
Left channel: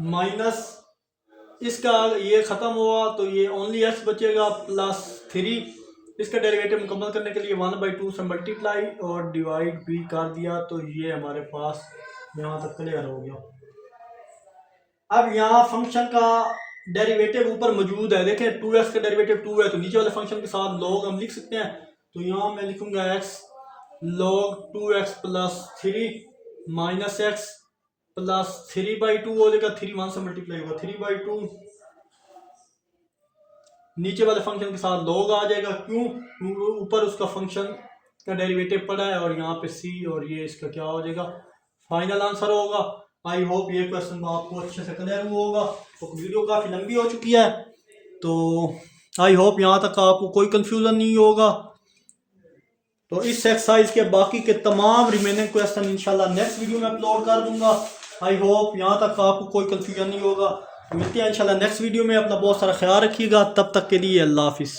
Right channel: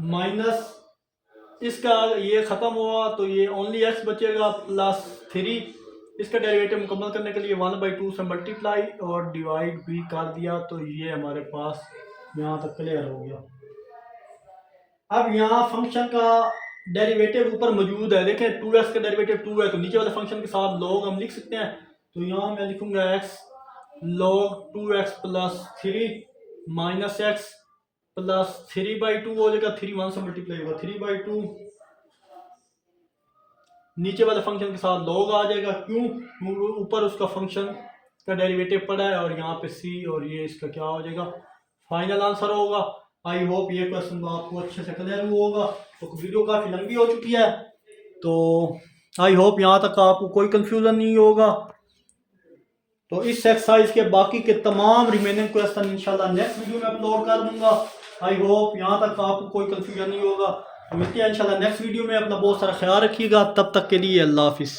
माइनस इसका ये खत्म हुआ तो ये ओनली x बचेगा प्लस 3। इसका डेरिवेटिव मुकम्मल करने के लिए 1/2 से मल्टीप्लाई और डिवाइड भी कर दिया, तो ये हमारे पास यहाँ तक क्लियर हो गया। अब यहाँ फंक्शन का डेरिवेटिव ऊपर मौजूद है। देखें 2x का डेरिवेटिव 2 है, तो नीचे वाले फंक्शन के साथ log हम लिख सकते हैं। तो यहाँ मैं लिखूंगा x log 2x plus 3 minus x plus 3/2 हो जाएगा, 3 1 से मल्टीप्लाई होगा 3/2, नीचे वाले फंक्शन के साथ log आ जाएगा। क्यों? ऊपर उसका फंक्शन का डेरिवेटिव पड़ा है और यहाँ पे c और ये इसका क्या हो जाएगा, फाइनल आंसर होगा। आई होप ये क्वेश्चन आपको अच्छे से क्लियर हुआ होगा। तो वीडियो काफ़ी लंबी हो चुकी है, तो आई होप यहाँ तक आपको कोई कंफ्यूजन नहीं होगा। तो इस एक्सरसाइज के बाकी के तमाम रिमेनिंग क्वेश्चन इंशाल्लाह नेक्स्ट वीडियो में अपलोड कर दूंगा। आई होप यहाँ तक आपको कोई कंफ्यूजन नहीं होगा। मिलते हैं इंशाल्लाह नेक्स्ट वीडियो में। अपना बहुत सारा ख्याल रखिएगा, तब तक के लिए अल्लाह हाफिज़।